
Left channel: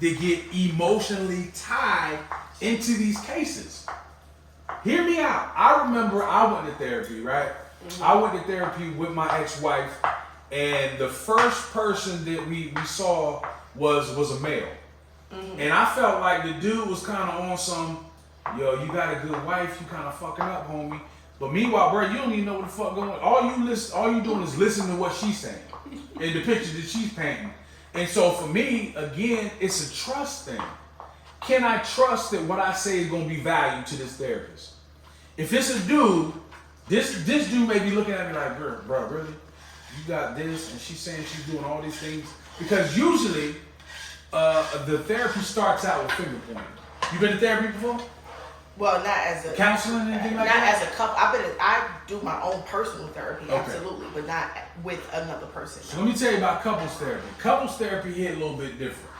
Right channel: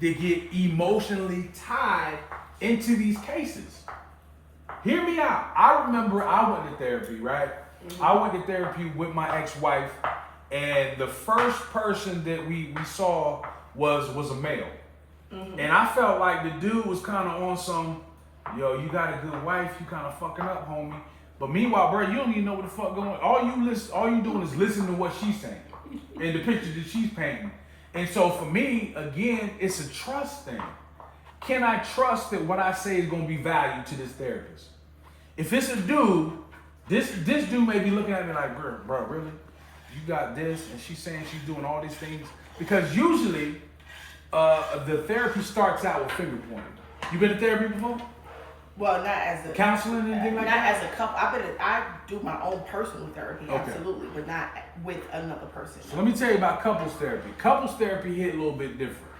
that get emotionally tied into these cases. Hear me out. I remember I went to therapy, right? Mm-hmm. I went to therapy with my ex-wife, and the first person that we saw was a male. Mm-hmm. And I felt like the dude was kind of on some, yo, you got a good wife, you kind of fucking up, homie. But meanwhile, bro, you don't even know what the fuck going on. All you doing is listen to what she's saying and the picture that she's painting. And so for me, again, it's a trust thing. Can I trust that what I say is going to be valued to this therapist? If it's a dude, this dude may be looking at me like, bro, really? You got this, and she's saying she's doing all these things? Because usually, the therapy starts out with finger pointing. You been to therapy before? Well, not as a counseling, anything like that. Not as a couple. I do my own personal therapy, absolutely, but not with another person. So let me tell you about couples therapy. Couples therapy hit a little bit different.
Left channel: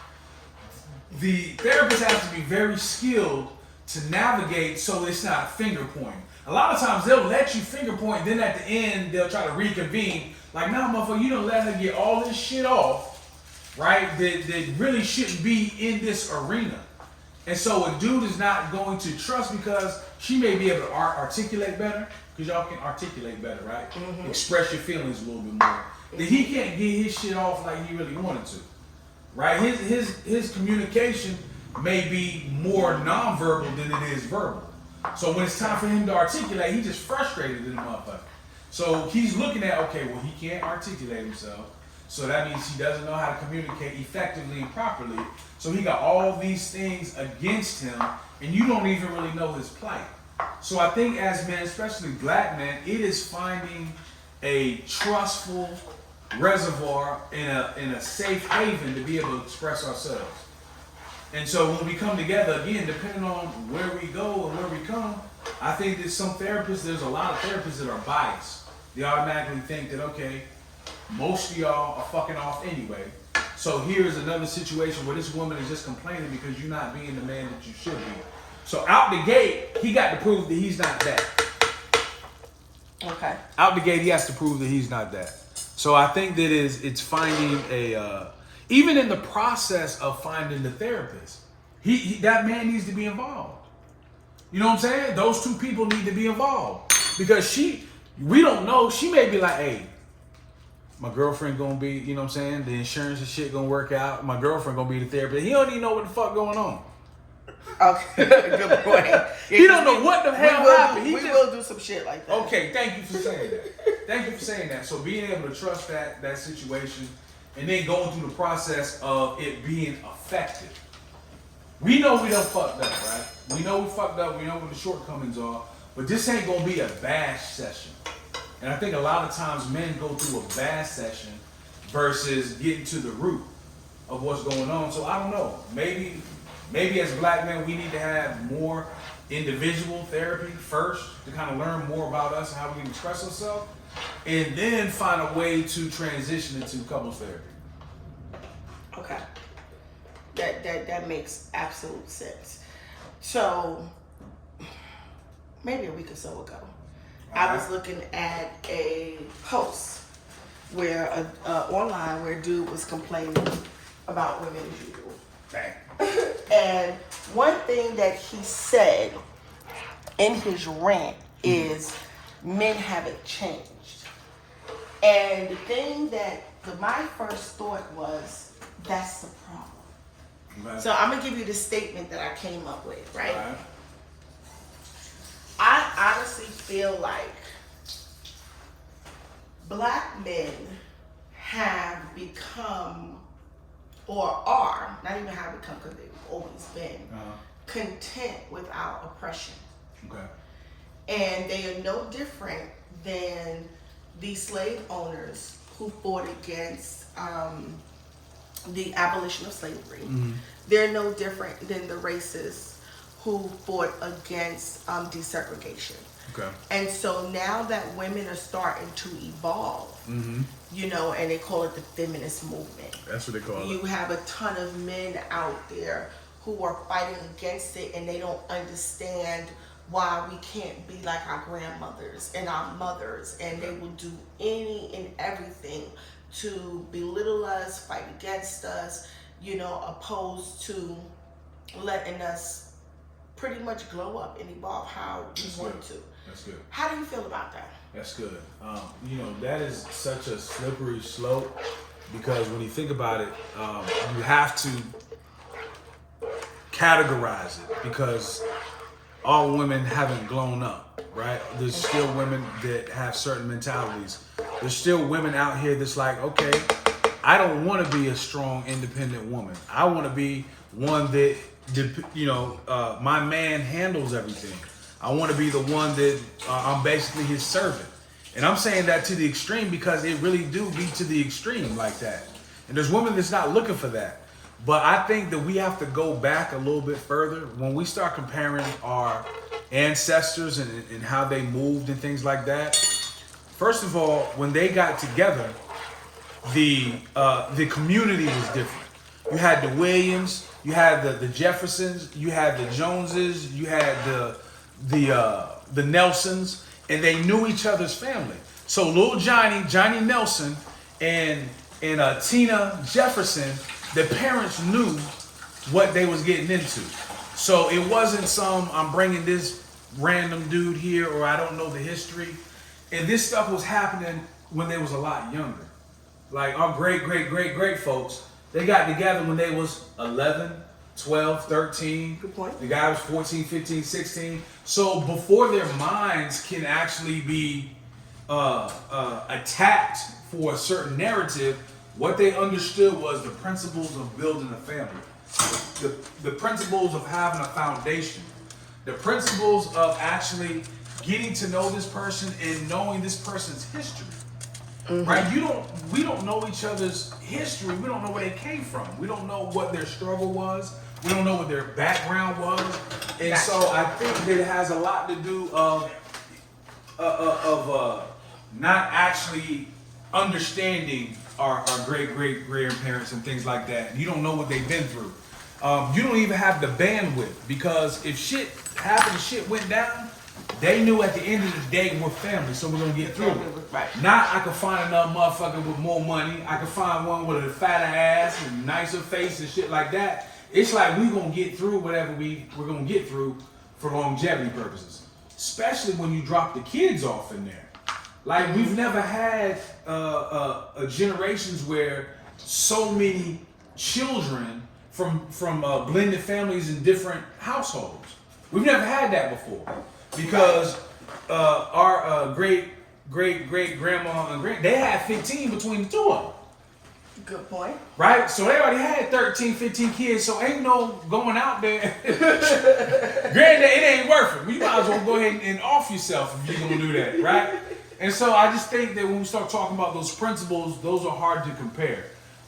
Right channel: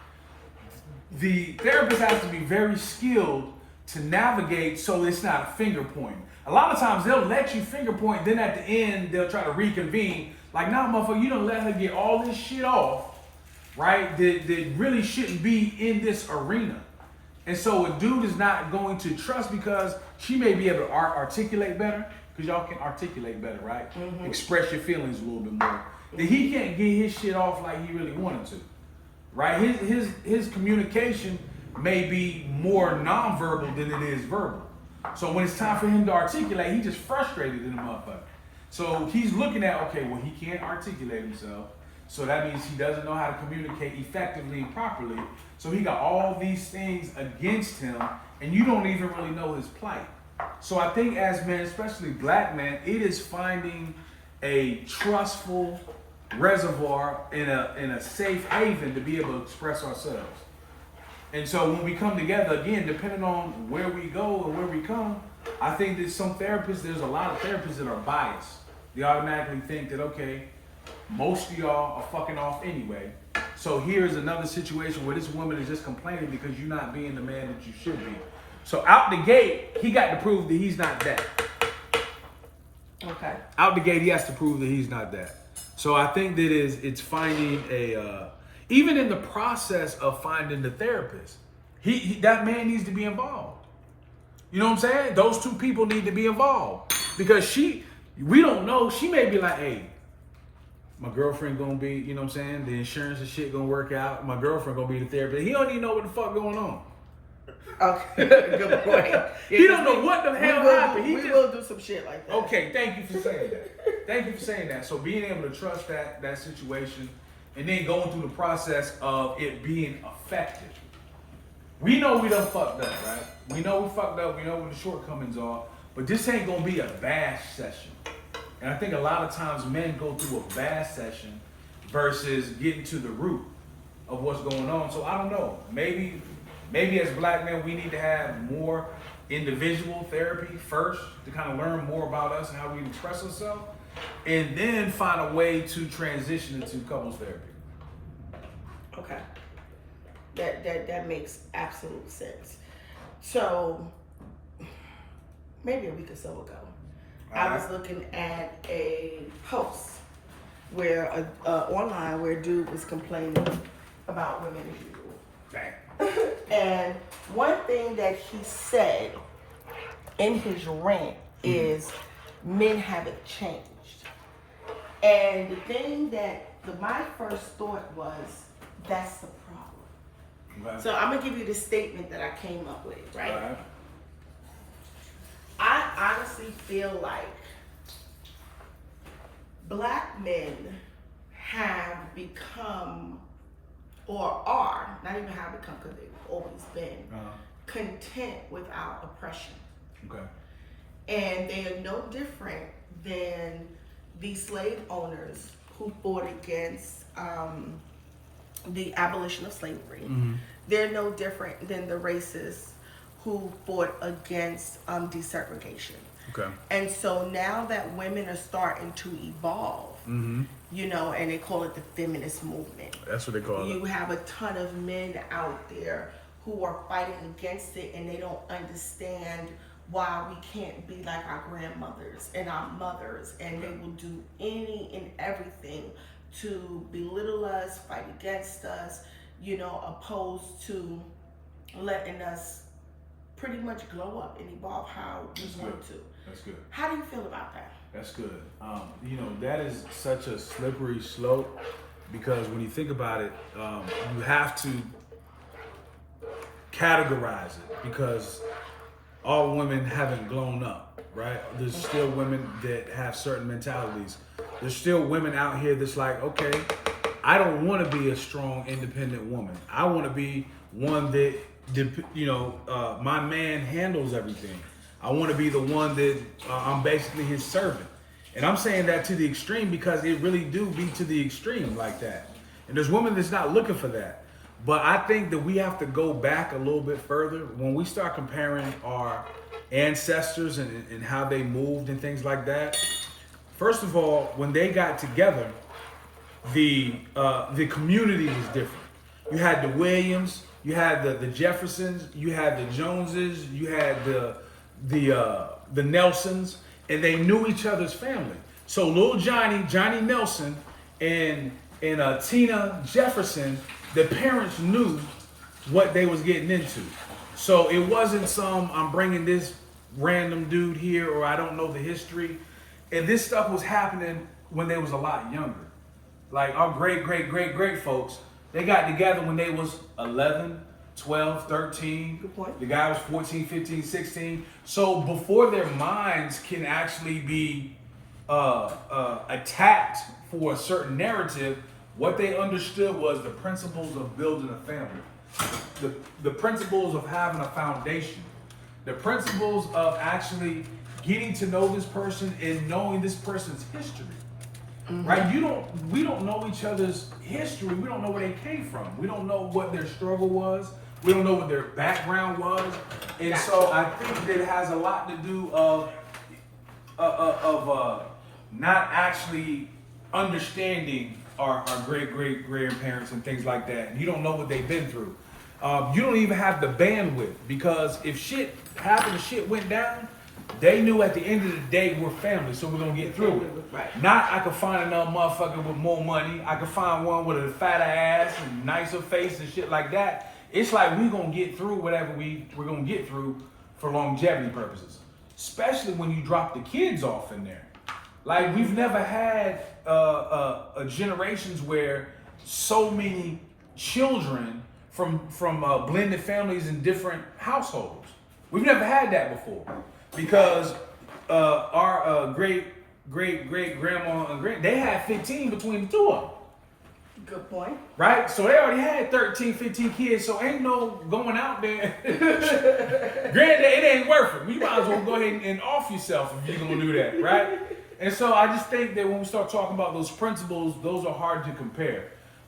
The therapist has to be very skilled to navigate so it's not a finger pointing. A lot of times they'll let you finger point, then at the end they'll try to reconvene. Like, nah, motherfucker, you don't let her get all this shit off, right? That really shouldn't be in this arena. And so a dude is not going to trust because she may be able to articulate better, because y'all can articulate better, right? Mm-hmm. Express your feelings a little bit more. That he can't get his shit off like he really wanted to, right? His communication may be more nonverbal than it is verbal. So when it's time for him to articulate, he just frustrated in the motherfucker. So he's looking at, okay, well, he can't articulate himself. So that means he doesn't know how to communicate effectively and properly. So he got all these things against him, and you don't even really know his plight. So I think as men, especially black men, it is finding a trustful reservoir in a safe haven to be able to express ourselves. And so when we come together, again, depending on where we go and where we come, I think there's a lot of therapists that are biased. They automatically think that, okay, most of y'all are fucking off anyway. So here's another situation where this woman is just complaining because you're not being the man that you should be. So out the gate, he got to prove that he's not that. Okay. Out the gate, he has to prove that he's not that. So I think that it's finding even in the process of finding the therapist, that man needs to be involved. You know what I'm saying? Those two people need to be involved because we don't know. She may be like, hey, my girlfriend gonna be, you know what I'm saying? The insurance and shit gonna work out. My girlfriend gonna be the therapist. He don't even know what the fuck going on. Okay, good point. Yeah, he don't know what the hell happened. We will do some shit like that. Okay, thank you for saying that. Thank you for saying that. So being able to trust that situation and then going through the process of it being effective. We know we done fucked up, right? We know we fucked up. We know what the shortcomings are. But this ain't gonna be a bash session. And I think a lot of times men go through a bash session versus getting to the root of what's going on. So I don't know. Maybe as black men we need to have more individual therapy first to kind of learn more about us and how we can express ourselves, and then find a way to transition into couples therapy. Okay. That makes absolute sense. So maybe a week or so ago, I was looking at a post where online where a dude was complaining about women as usual. Bang. And one thing that he said in his rant is men haven't changed. And the thing that my first thought was, that's the problem. Right. So I'm gonna give you the statement that I came up with, right? I honestly feel like black men have become, or are, not even have become, because they've always been, content with our oppression. Okay. And they are no different than the slave owners who fought against the abolition of slavery. Mm-hmm. They're no different than the racists who fought against desegregation. Okay. And so now that women are starting to evolve, you know, and they call it the feminist movement. That's what they call it. You have a ton of men out there who are fighting against it, and they don't understand why we can't be like our grandmothers and our mothers, and they will do any and everything to belittle us, fight against us, you know, opposed to letting us pretty much glow up and evolve how we want to. That's good. How do you feel about that? That's good. You know, that is such a slippery slope, because when you think about it, you have to categorize it, because all women haven't grown up, right? There's still women that have certain mentalities. There's still women out here that's like, okay, I don't want to be a strong, independent woman. I want to be one that, you know, my man handles everything. I want to be the one that I'm basically his servant. And I'm saying that to the extreme because it really do be to the extreme like that. And there's women that's not looking for that. But I think that we have to go back a little bit further when we start comparing our ancestors and how they moved and things like that. First of all, when they got together, the community was different. You had the Williams, you had the Jeffersons, you had the Joneses, you had the Nelsons, and they knew each other's family. So little Johnny Nelson, and Tina Jefferson, the parents knew what they was getting into. So it wasn't I'm bringing this random dude here, or I don't know the history. And this stuff was happening when they was a lot younger. Like our great folks, they got together when they was 11, 12, 13. Good point. The guy was 14, 15, 16. So before their minds can actually be attacked for a certain narrative, what they understood was the principles of building a family, the principles of having a foundation, the principles of actually getting to know this person and knowing this person's history. Right? We don't know each other's history. We don't know where they came from. We don't know what their struggle was. We don't know what their background was. And so I think it has a lot to do of not actually understanding our great grandparents and things like that. You don't know what they've been through. You don't even have the bandwidth, because if shit happened and shit went down, they knew at the end of the day we're family, so we're gonna get through it. Right. Not I could find another motherfucker with more money. I could find one with a fatter ass and nicer face and shit like that. It's like we're gonna get through whatever we're gonna get through for longevity purposes. Especially when you drop the kids off in there. Like we've never had generations where so many children from blended families in different households. We've never had that before, because our great grandma and they had 15 between the two of them. Good point. Right? So they already had 13, 15 kids, so ain't no going out there. Granddad, it ain't worth it. You might as well go ahead and off yourself if you're going to do that, right? And so I just think that when we start talking about those principles, those are hard to compare.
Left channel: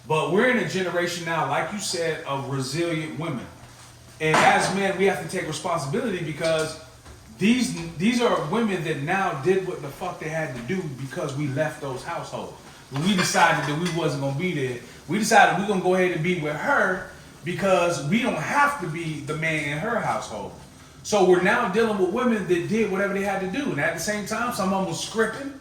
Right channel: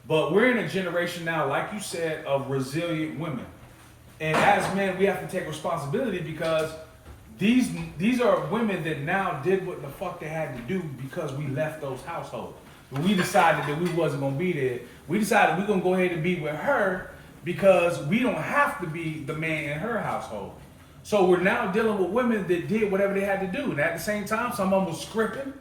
But we're in a generation now, like you said, of resilient women. And as men, we have to take responsibility because these are women that now did what the fuck they had to do because we left those households. When we decided that we wasn't going to be there, we decided we're going to go ahead and be with her because we don't have to be the man in her household. So we're now dealing with women that did whatever they had to do. And at the same time, some of them was scripting,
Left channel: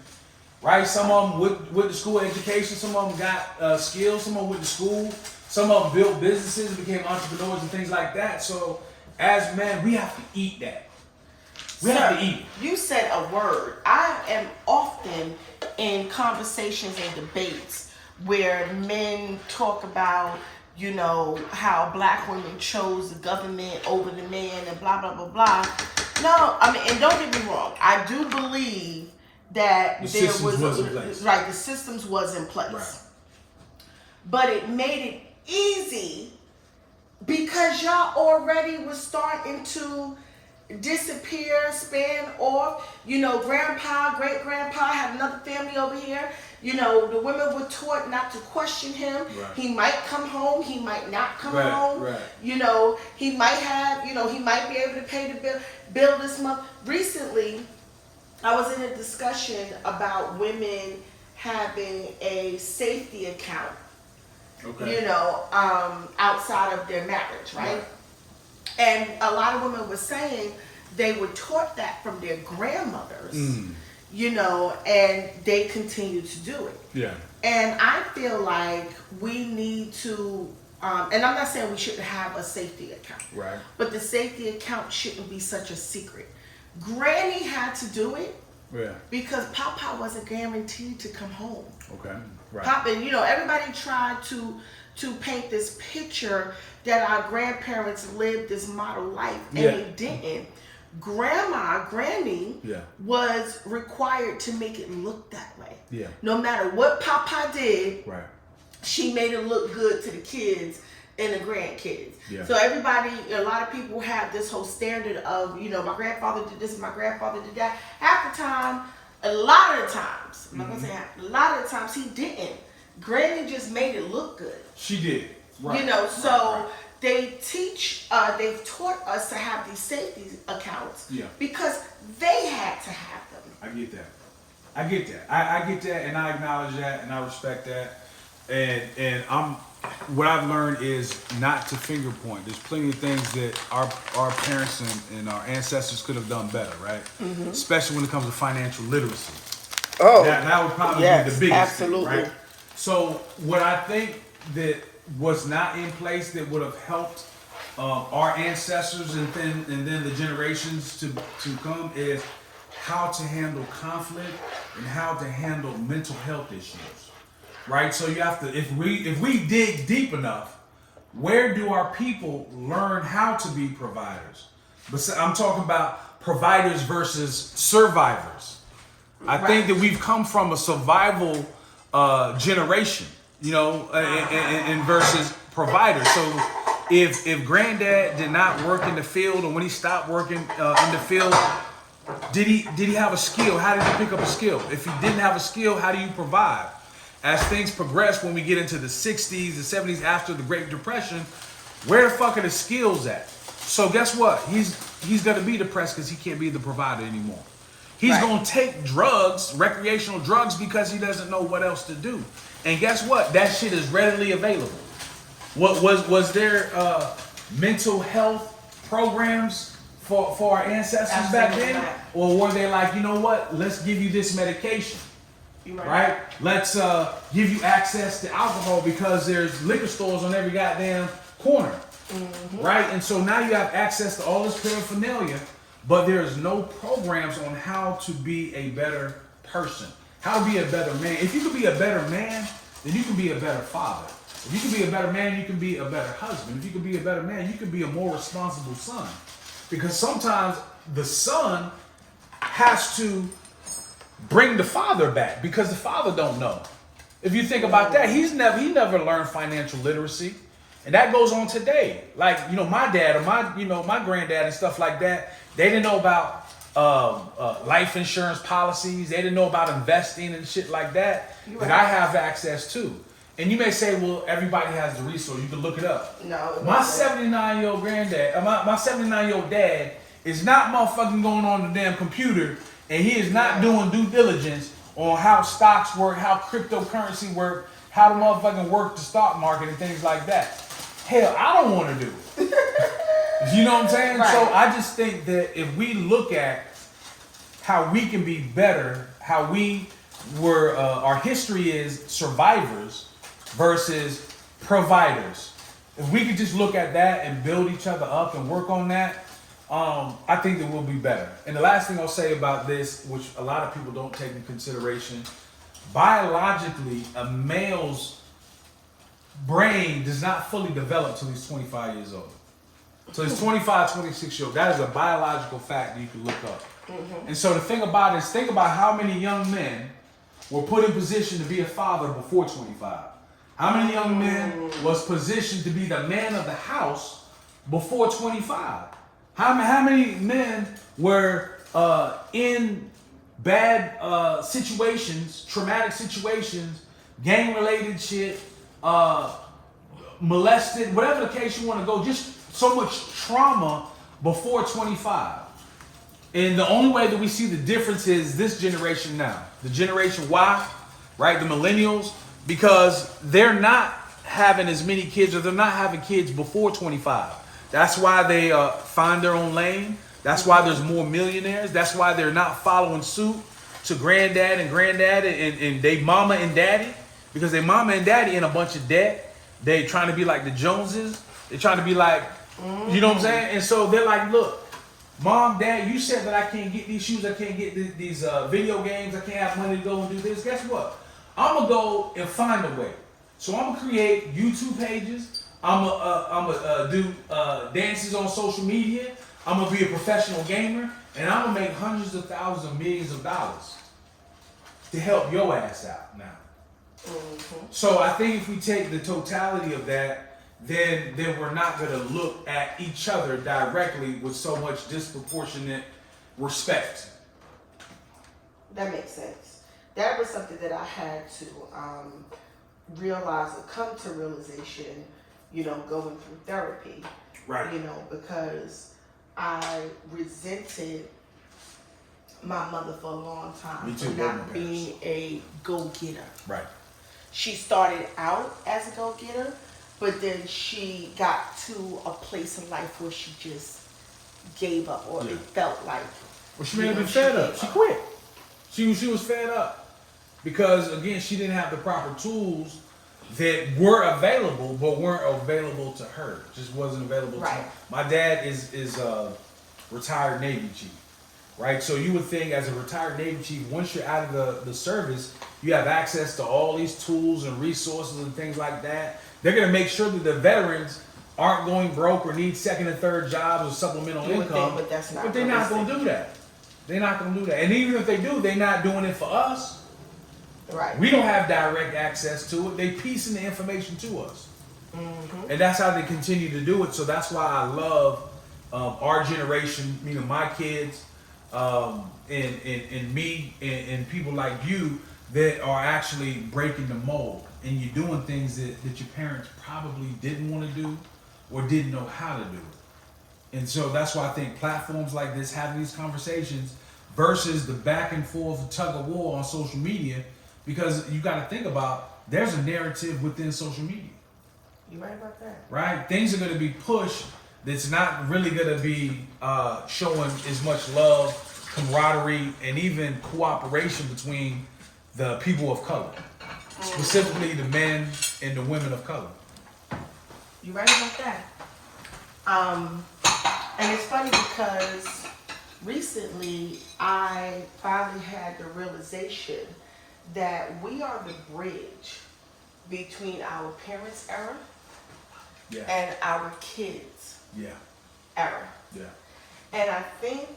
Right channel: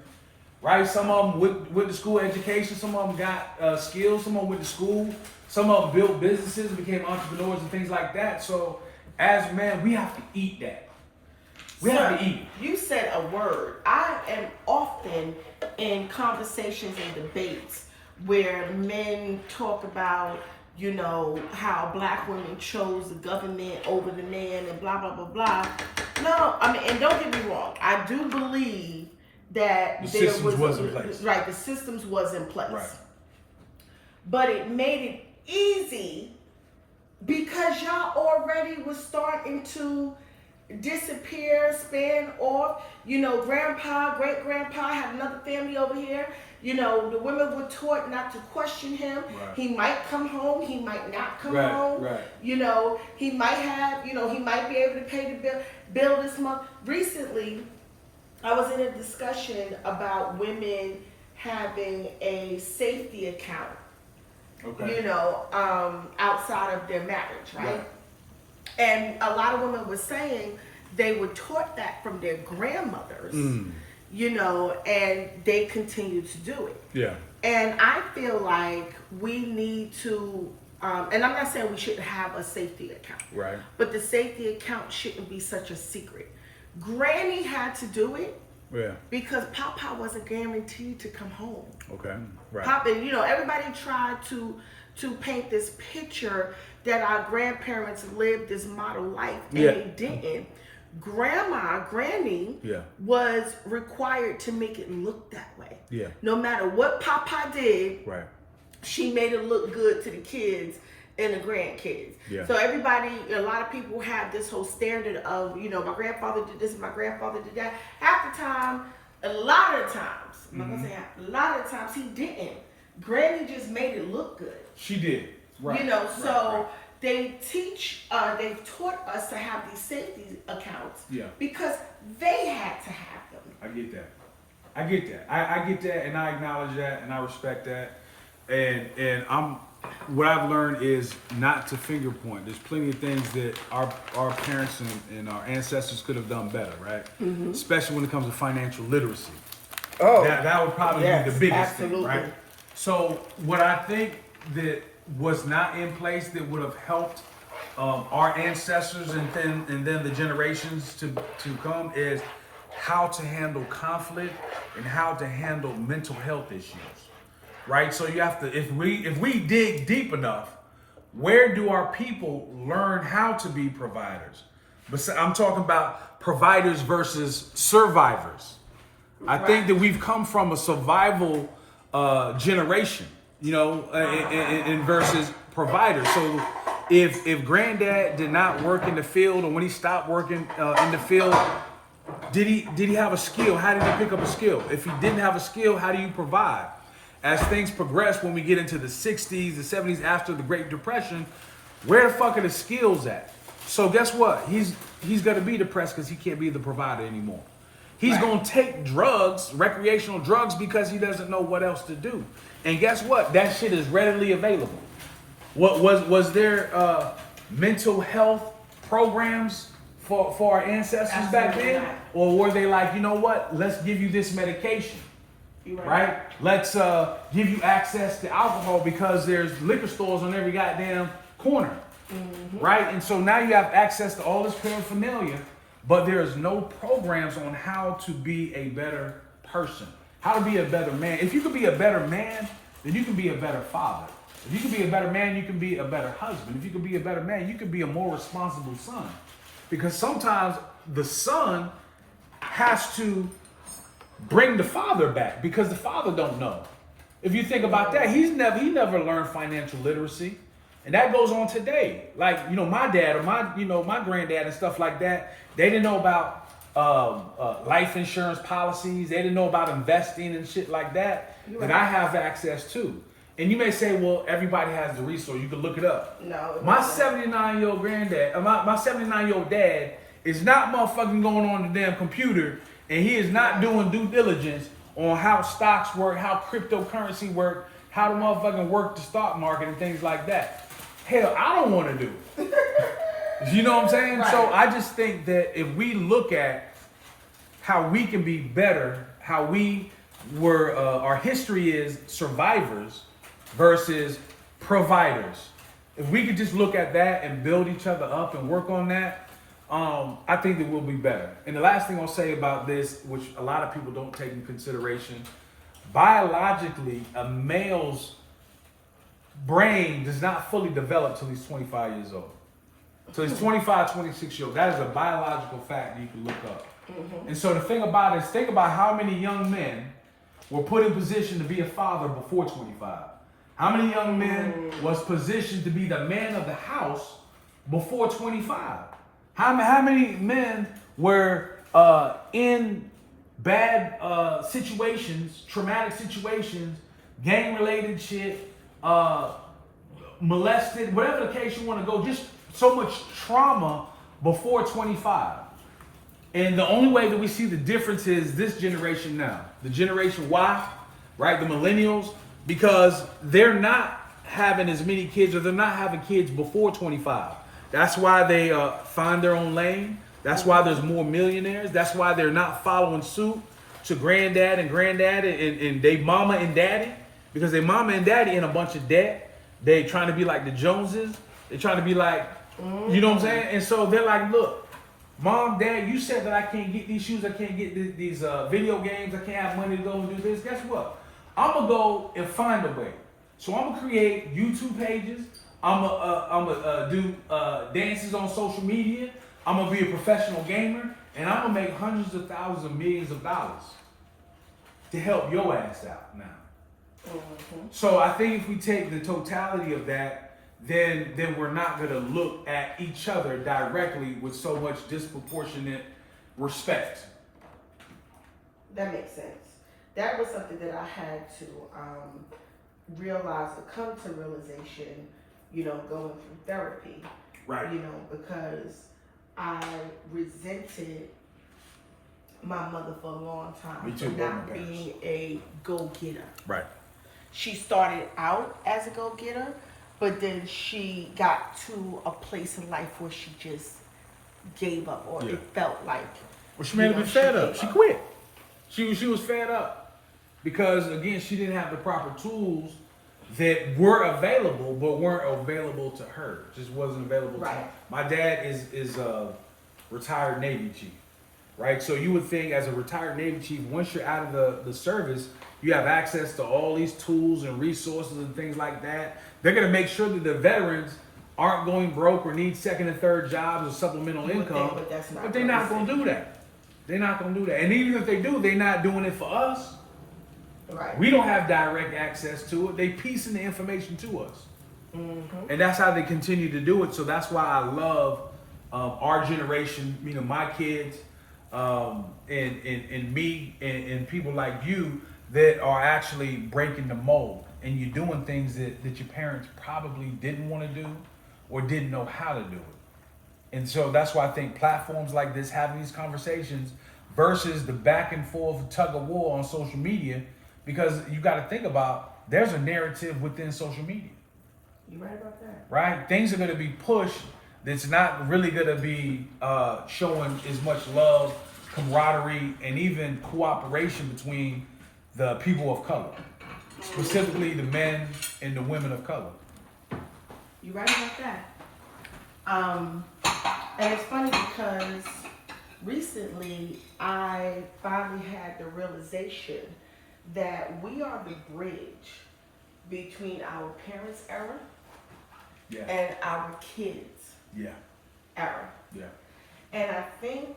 right? Some of them with the school education, some of them got skills, some of them went to school, some of them built businesses, became entrepreneurs and things like that. So as men, we have to eat that. We have to eat. You said a word. I am often in conversations and debates where men talk about, you know, how black women chose the government over the man and blah, blah, blah, blah. No, I mean, and don't get me wrong. I do believe that the systems was in place. Right, the systems was in place. Right. But it made it easy because y'all already was starting to disappear, span off. You know, grandpa, great grandpa had another family over here. You know, the women were taught not to question him. Right. He might come home, he might not come home. Right. You know, he might have, you know, he might be able to pay the bill this month. Recently, I was in a discussion about women having a safety account. Okay. You know, outside of their marriage, right? And a lot of women were saying they were taught that from their grandmothers, you know, and they continue to do it. Yeah. And I feel like we need to, and I'm not saying we shouldn't have a safety account, Right. but the safety account shouldn't be such a secret. Granny had to do it because Papa wasn't guaranteed to come home. Okay. Right. Papa, you know, everybody tried to paint this picture that our grandparents lived this model life, and they didn't. Granny was required to make it look that way. Yeah. No matter what Papa did, she made it look good to the kids and the grandkids. Yeah. So everybody, a lot of people have this whole standard of, you know, my grandfather did this, my grandfather did that. Half the time, a lot of the times, I'm not gonna say half, a lot of the times he didn't. Granny just made it look good. She did. Right. You know, so they teach, they've taught us to have these safety accounts because they had to have them. I get that. I get that, and I acknowledge that, and I respect that. And what I've learned is not to finger point. There's plenty of things that our parents and our ancestors could have done better, right? Mm-hmm. Especially when it comes to financial literacy. Oh, that would probably be the biggest thing, right? So what I think that was not in place that would have helped our ancestors and then the generations to come is how to handle conflict and how to handle mental health issues, right? So you have to, if we dig deep enough, where do our people learn how to be providers? But I'm talking about providers versus survivors. I think that we've come from a survival generation, you know, and versus providers. So if granddad did not work in the field, or when he stopped working in the field, did he have a skill? How did he pick up a skill? If he didn't have a skill, how do you provide? As things progress, when we get into the 60s, the 70s, after the Great Depression, where the fuck are the skills at? So guess what? He's gonna be depressed because he can't be the provider anymore. He's gonna take drugs, recreational drugs, because he doesn't know what else to do. And guess what? That shit is readily available. What was there mental health programs for our ancestors back then? Or were they like, you know what? Let's give you this medication. Right? Let's give you access to alcohol because there's liquor stores on every goddamn corner. Mm-hmm. Right? And so now you have access to all this paraphernalia, but there's no programs on how to be a better person, how to be a better man. If you can be a better man, then you can be a better father. If you can be a better man, you can be a better husband. If you can be a better man, you can be a more responsible son. Because sometimes the son has to bring the father back because the father don't know. If you think about that, he never learned financial literacy. And that goes on today. Like, you know, my dad or my granddad and stuff like that, they didn't know about life insurance policies. They didn't know about investing and shit like that that I have access to. And you may say, well, everybody has the resource. You can look it up. No. My 79-year-old granddad, my 79-year-old dad is not motherfucking going on the damn computer, and he is not doing due diligence on how stocks work, how cryptocurrency work, how to motherfucking work the stock market and things like that. Hell, I don't want to do it. You know what I'm saying? Right. So I just think that if we look at how we can be better, how we were, our history is survivors versus providers. If we could just look at that and build each other up and work on that, I think that we'll be better. And the last thing I'll say about this, which a lot of people don't take in consideration, biologically, a male's brain does not fully develop till he's 25 years old. So he's 25, 26 years old. That is a biological fact that you can look up. And so the thing about it is, think about how many young men were put in position to be a father before 25. How many young men was positioned to be the man of the house before 25? How many men were in bad situations, traumatic situations, gang-related shit, molested, whatever the case you want to go, just so much trauma before 25. And the only way that we see the difference is this generation now, the generation Y, right, the millennials, because they're not having as many kids, or they're not having kids before 25. That's why they find their own lane. That's why there's more millionaires. That's why they're not following suit to granddad and they mama and daddy, because they mama and daddy in a bunch of debt. They trying to be like the Joneses. They trying to be like, you know what I'm saying? And so they're like, look, mom, dad, you said that I can't get these shoes, I can't get these video games, I can't have money to go and do this. Guess what? I'm gonna go and find a way. So I'm gonna create YouTube pages. I'm gonna do dances on social media. I'm gonna be a professional gamer, and I'm gonna make hundreds of thousands of millions of dollars to help your ass out now. So I think if we take the totality of that, then we're not gonna look at each other directly with so much disproportionate respect. That makes sense. That was something that I had to realize or come to realization, you know, going through therapy. Right. You know, because I resented my mother for a long time Me too, for both my not parents. being a go-getter. Right. She started out as a go-getter, but then she got to a place in life where she just gave up, or it felt like. Well, she made me fed up. She quit. She was fed up because, again, she didn't have the proper tools that were available, but weren't available to her. Just wasn't available to her. My dad is a retired Navy chief, right? So you would think, as a retired Navy chief, once you're out of the service, you have access to all these tools and resources and things like that. They're going to make sure that the veterans aren't going broke or need second and third jobs or supplemental income. But they're not going to do that. They're not going to do that. And even if they do, they're not doing it for us. Right. We don't have direct access to it. They piecing the information to us. And that's how they continue to do it. So that's why I love our generation, meaning my kids, and me, and people like you that are actually breaking the mold. And you're doing things that your parents probably didn't want to do or didn't know how to do it. And so that's why I think platforms like this, having these conversations versus the back and forth tug of war on social media, because you got to think about, there's a narrative within social media. You're right about that. Right? Things are going to be pushed that's not really going to be showing as much love, camaraderie, and even cooperation between the people of color. Specifically the men and the women of color. You're right about that. And it's funny because recently I finally had the realization that we are the bridge between our parents' era and our kids' era. Yeah. And I think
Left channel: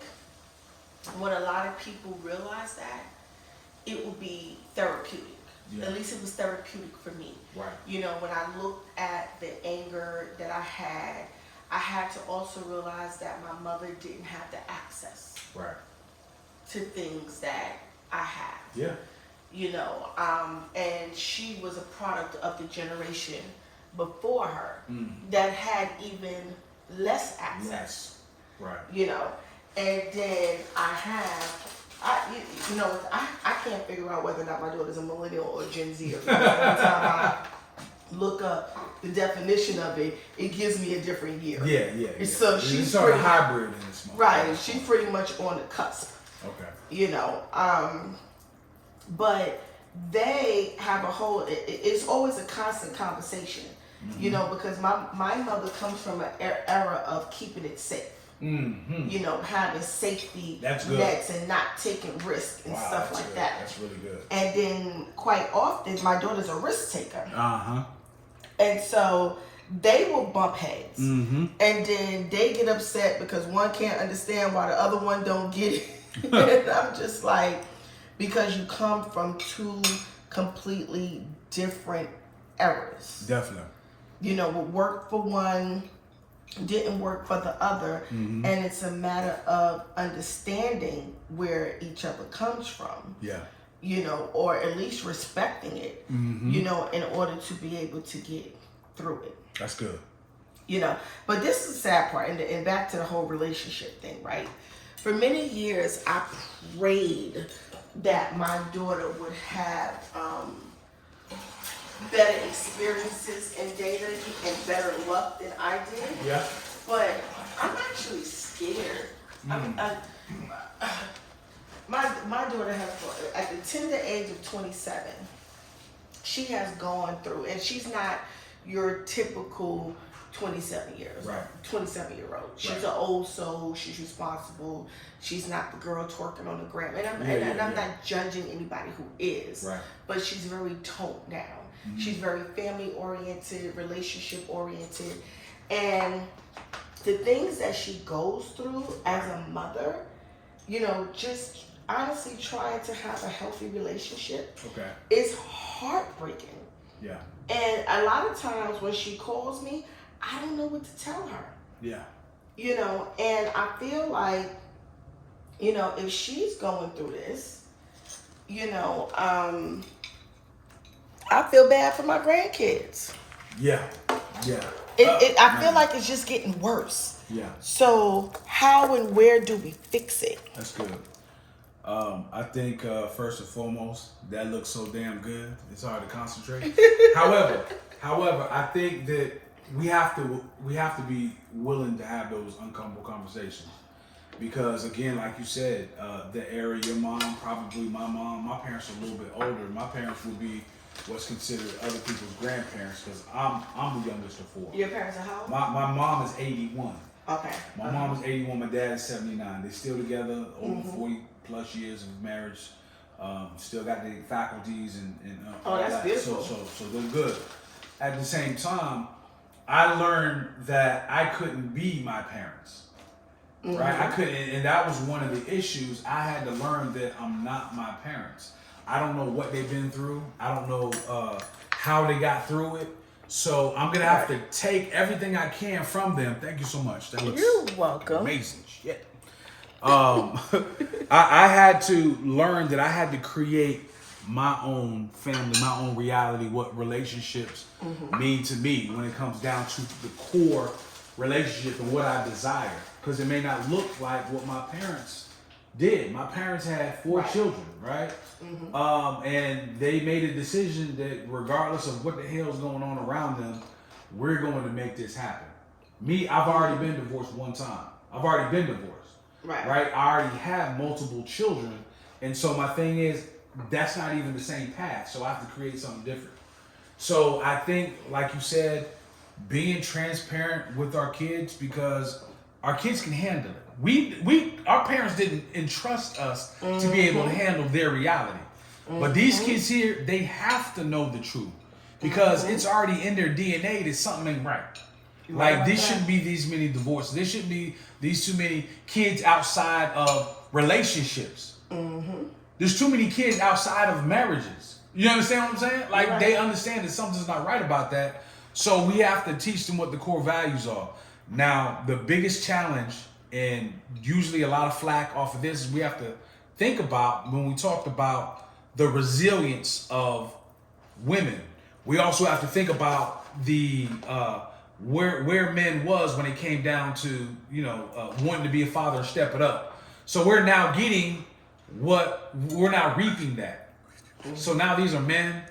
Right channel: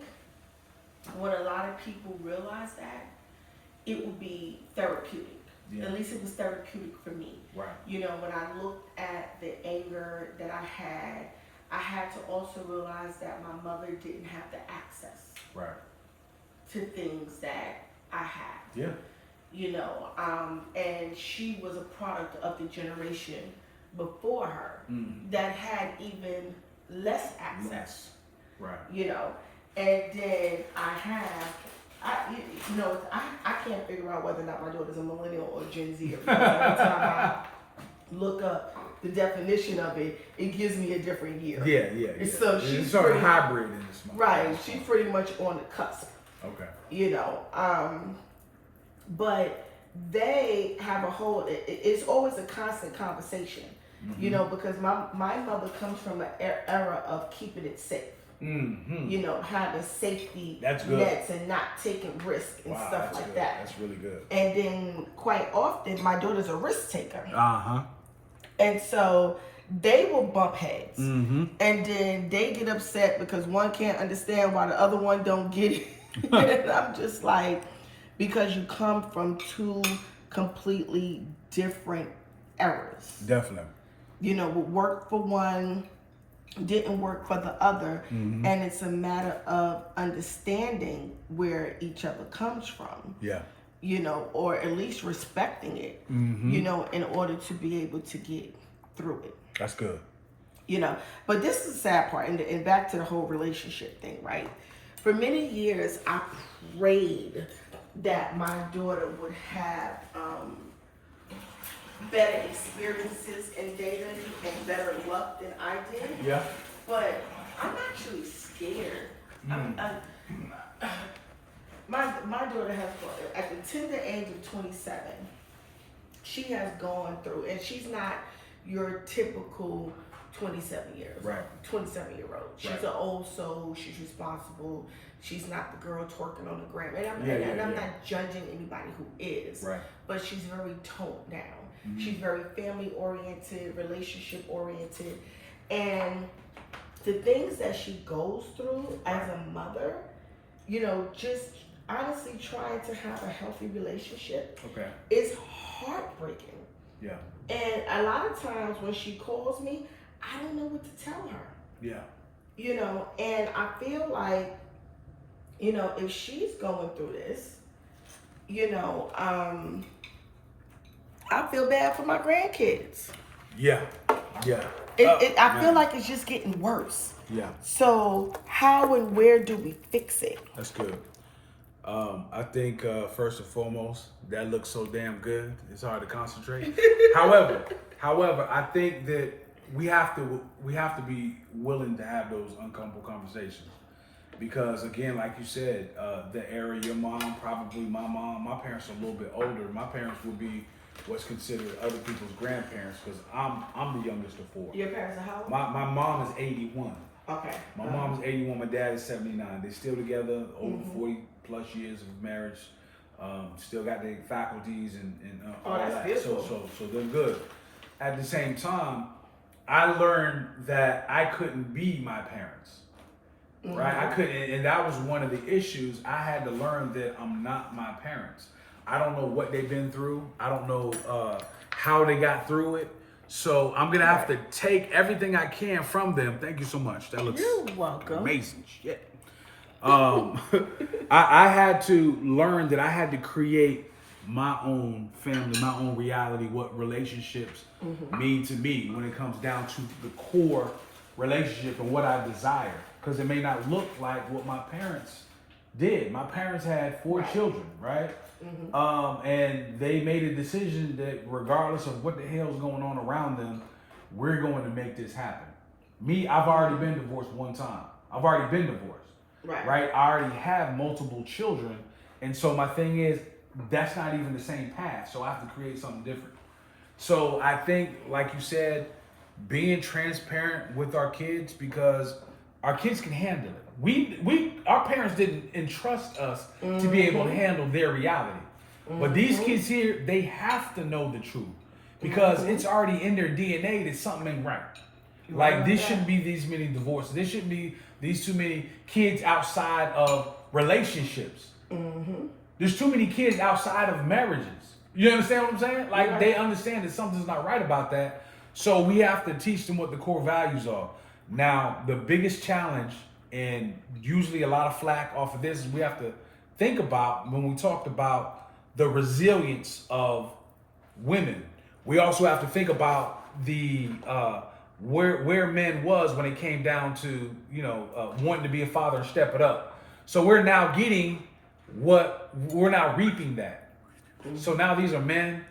when a lot of people realize that, it will be therapeutic. Yeah. At least it was therapeutic for me. Right. You know, when I looked at the anger that I had to also realize that my mother didn't have the access Right. to things that I have. Yeah. You know, and she was a product of the generation before her that had even less access. Right. You know, and then I can't figure out whether or not my daughter's a millennial or Gen Z. Every time I look up the definition of it, it gives me a different year. Yeah. So it's she's sort of pretty, hybrid in this moment. right. She's pretty much on the cusp. Okay. You know, but they have a whole. It's always a constant conversation. You know, because my mother comes from an era of keeping it safe. You know, having safety nets and not taking risks and stuff like that. That's really good. And then quite often, my daughter's a risk taker. And so they will bump heads. And then they get upset because one can't understand why the other one don't get it. And I'm just like, because you come from two completely different eras. Definitely. You know, what worked for one didn't work for the other, and it's a matter of understanding where each other comes from. Yeah. You know, or at least respecting it. You know, in order to be able to get through it. That's good. You know, but this is the sad part, and back to the whole relationship thing, right? For many years, I prayed that my daughter would have better experiences in dating and better luck than I did. Yeah. But I'm actually scared. My daughter has, at the tender age of 27, she has gone through, and she's not your typical 27-year-old. She's an old soul. She's responsible. She's not the girl twerking on the gram. And I'm not judging anybody who is. Right. But she's very toned down. She's very family oriented, relationship oriented. And the things that she goes through as a mother, you know, just honestly trying to have a healthy relationship is heartbreaking. Yeah. And a lot of times when she calls me, I don't know what to tell her. Yeah. You know, and I feel like, you know, if she's going through this, you know, I feel bad for my grandkids. Yeah. I feel like it's just getting worse. Yeah. So how and where do we fix it? That's good. I think first and foremost, that looks so damn good. It's hard to concentrate. However, I think that we have to be willing to have those uncomfortable conversations, because again, like you said, the era your mom, probably my mom, my parents are a little bit older. My parents would be what's considered other people's grandparents, because I'm the youngest of four. Your parents are how old? My mom is 81. Okay. My mom is 81. My dad is 79. They're still together, over 40 plus years of marriage. Still got their faculties and all that's that. beautiful. So they're good. At the same time, I learned that I couldn't be my parents. Right? I couldn't, and that was one of the issues. I had to learn that I'm not my parents. I don't know what they've been through. I don't know how they got through it. So I'm gonna have to take everything I can from them. Thank you so much. That looks You're welcome. Amazing shit. I had to learn that I had to create my own family, my own reality, what relationships mean to me when it comes down to the core relationship and what I desire. Because it may not look like what my parents did. My parents had 4 children, right? And they made a decision that regardless of what the hell's going on around them, we're going to make this happen. Me, I've already been divorced one time. I've already been divorced. Right? I already have multiple children. And so my thing is, that's not even the same path. So I have to create something different. So I think, like you said, being transparent with our kids, because our kids can handle it. Our parents didn't entrust us to be able to handle their reality. But these kids here, they have to know the truth, because it's already in their DNA that something ain't right. Like, there shouldn't be these many divorces. There shouldn't be these too many kids outside of relationships. There's too many kids outside of marriages. You understand what I'm saying? Like Right. they understand that something's not right about that. So we have to teach them what the core values are. Now, the biggest challenge, and usually a lot of flack off of this, is we have to think about when we talked about the resilience of women. We also have to think about the where men was when it came down to wanting to be a father and step it up. So we're now getting we're now reaping that. So now these are men,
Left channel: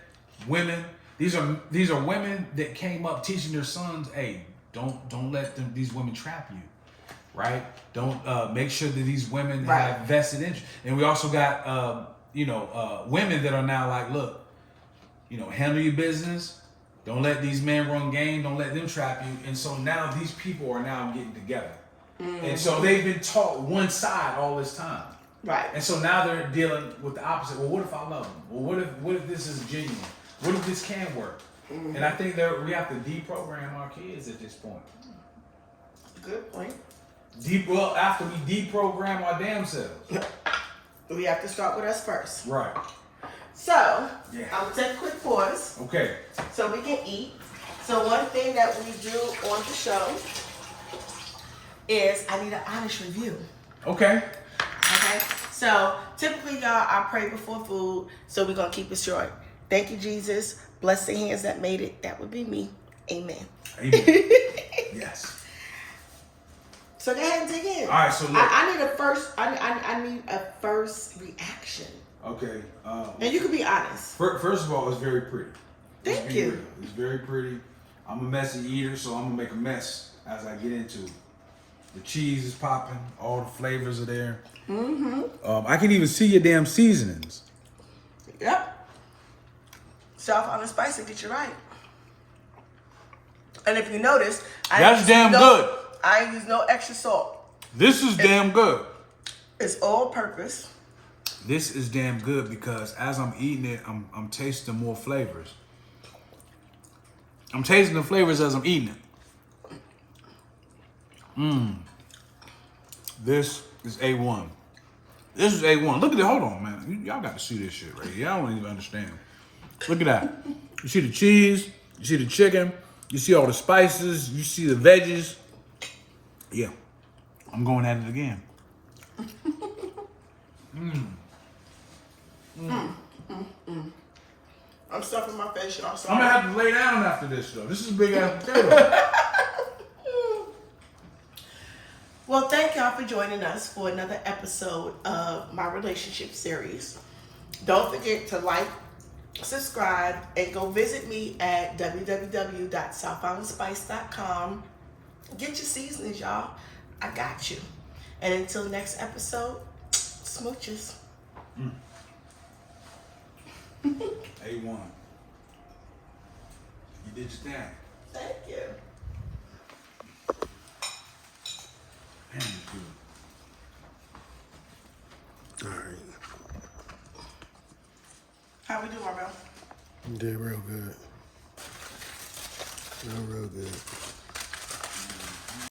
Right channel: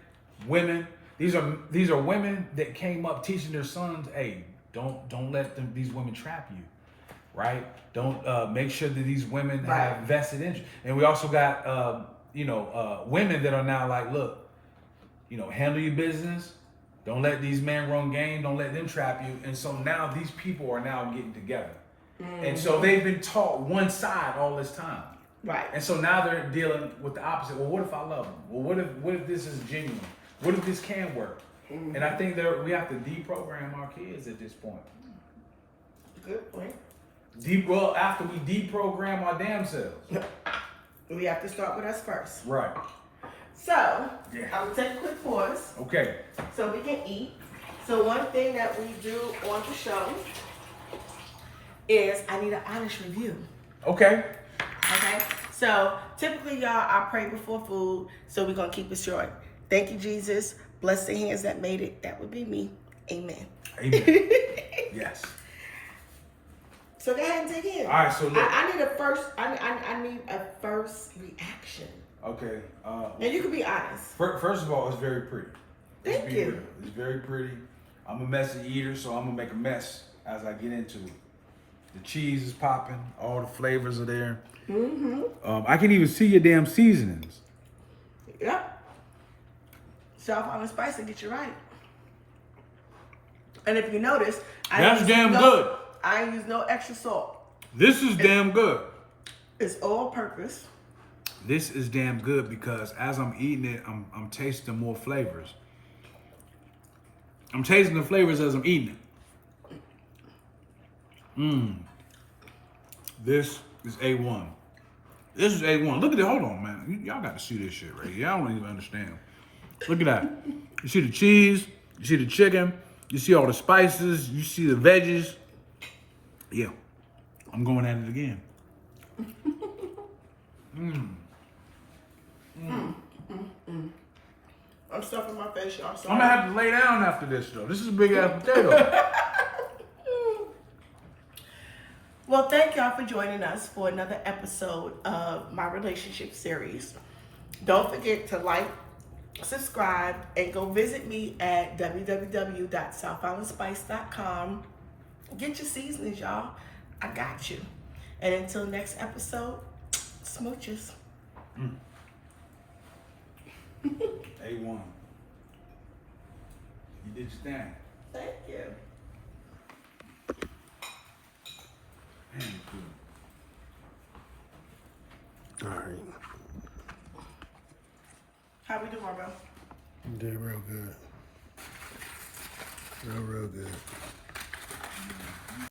women. These are women that came up teaching their sons, hey, don't let these women trap you, right? Don't make sure that these women have vested interest. And we also got women that are now like, look, handle your business. Don't let these men run game. Don't let them trap you. And so now these people are now getting together. Mm-hmm. And so they've been taught one side all this time. Right. And so now they're dealing with the opposite. Well, what if I love them? Well, what if this is genuine? What if this can work? Mm-hmm. And I think we have to deprogram our kids at this point. Good point. After we deprogram our damn selves. We have to start with us first. Right. So, I'm going to take a quick pause. Okay. So we can eat. So one thing that we do on the show is I need an honest review. Okay. Okay. So typically, y'all, I pray before food. So we're going to keep it short. Thank you, Jesus. Bless the hands that made it. That would be me. Amen. Amen. Yes. So go ahead and dig in. All right. So look. I need a first. I need a first reaction. Okay. And you can be honest. First of all, it's very pretty. Thank you. Real. It's very pretty. I'm a messy eater, so I'm gonna make a mess as I get into it. The cheese is popping. All the flavors are there. Mm-hmm. I can even see your damn seasonings. Yep. South Island spice will get you right. And if you notice, that's damn good. I use no extra salt. This is damn good. It's all purpose. This is damn good because as I'm eating it, I'm tasting more flavors. I'm tasting the flavors as I'm eating it. This is A1. This is A1. Look at it. Hold on, man. Y'all got to see this shit right here. Y'all don't even understand. Look at that. You see the cheese. You see the chicken. You see all the spices. You see the veggies. Yeah. I'm going at it again. I'm stuffing my face, y'all. I'm gonna have to lay down after this, though. This is a big ass potato. Well, thank y'all for joining us for another episode of my relationship series. Don't forget to like, subscribe, and go visit me at www.southislandspice.com. Get your seasonings, y'all. I got you. And until next episode, smooches. A1. You did your thing. Thank you. Man, you All right. How we doing, bro? You did real good. Real good.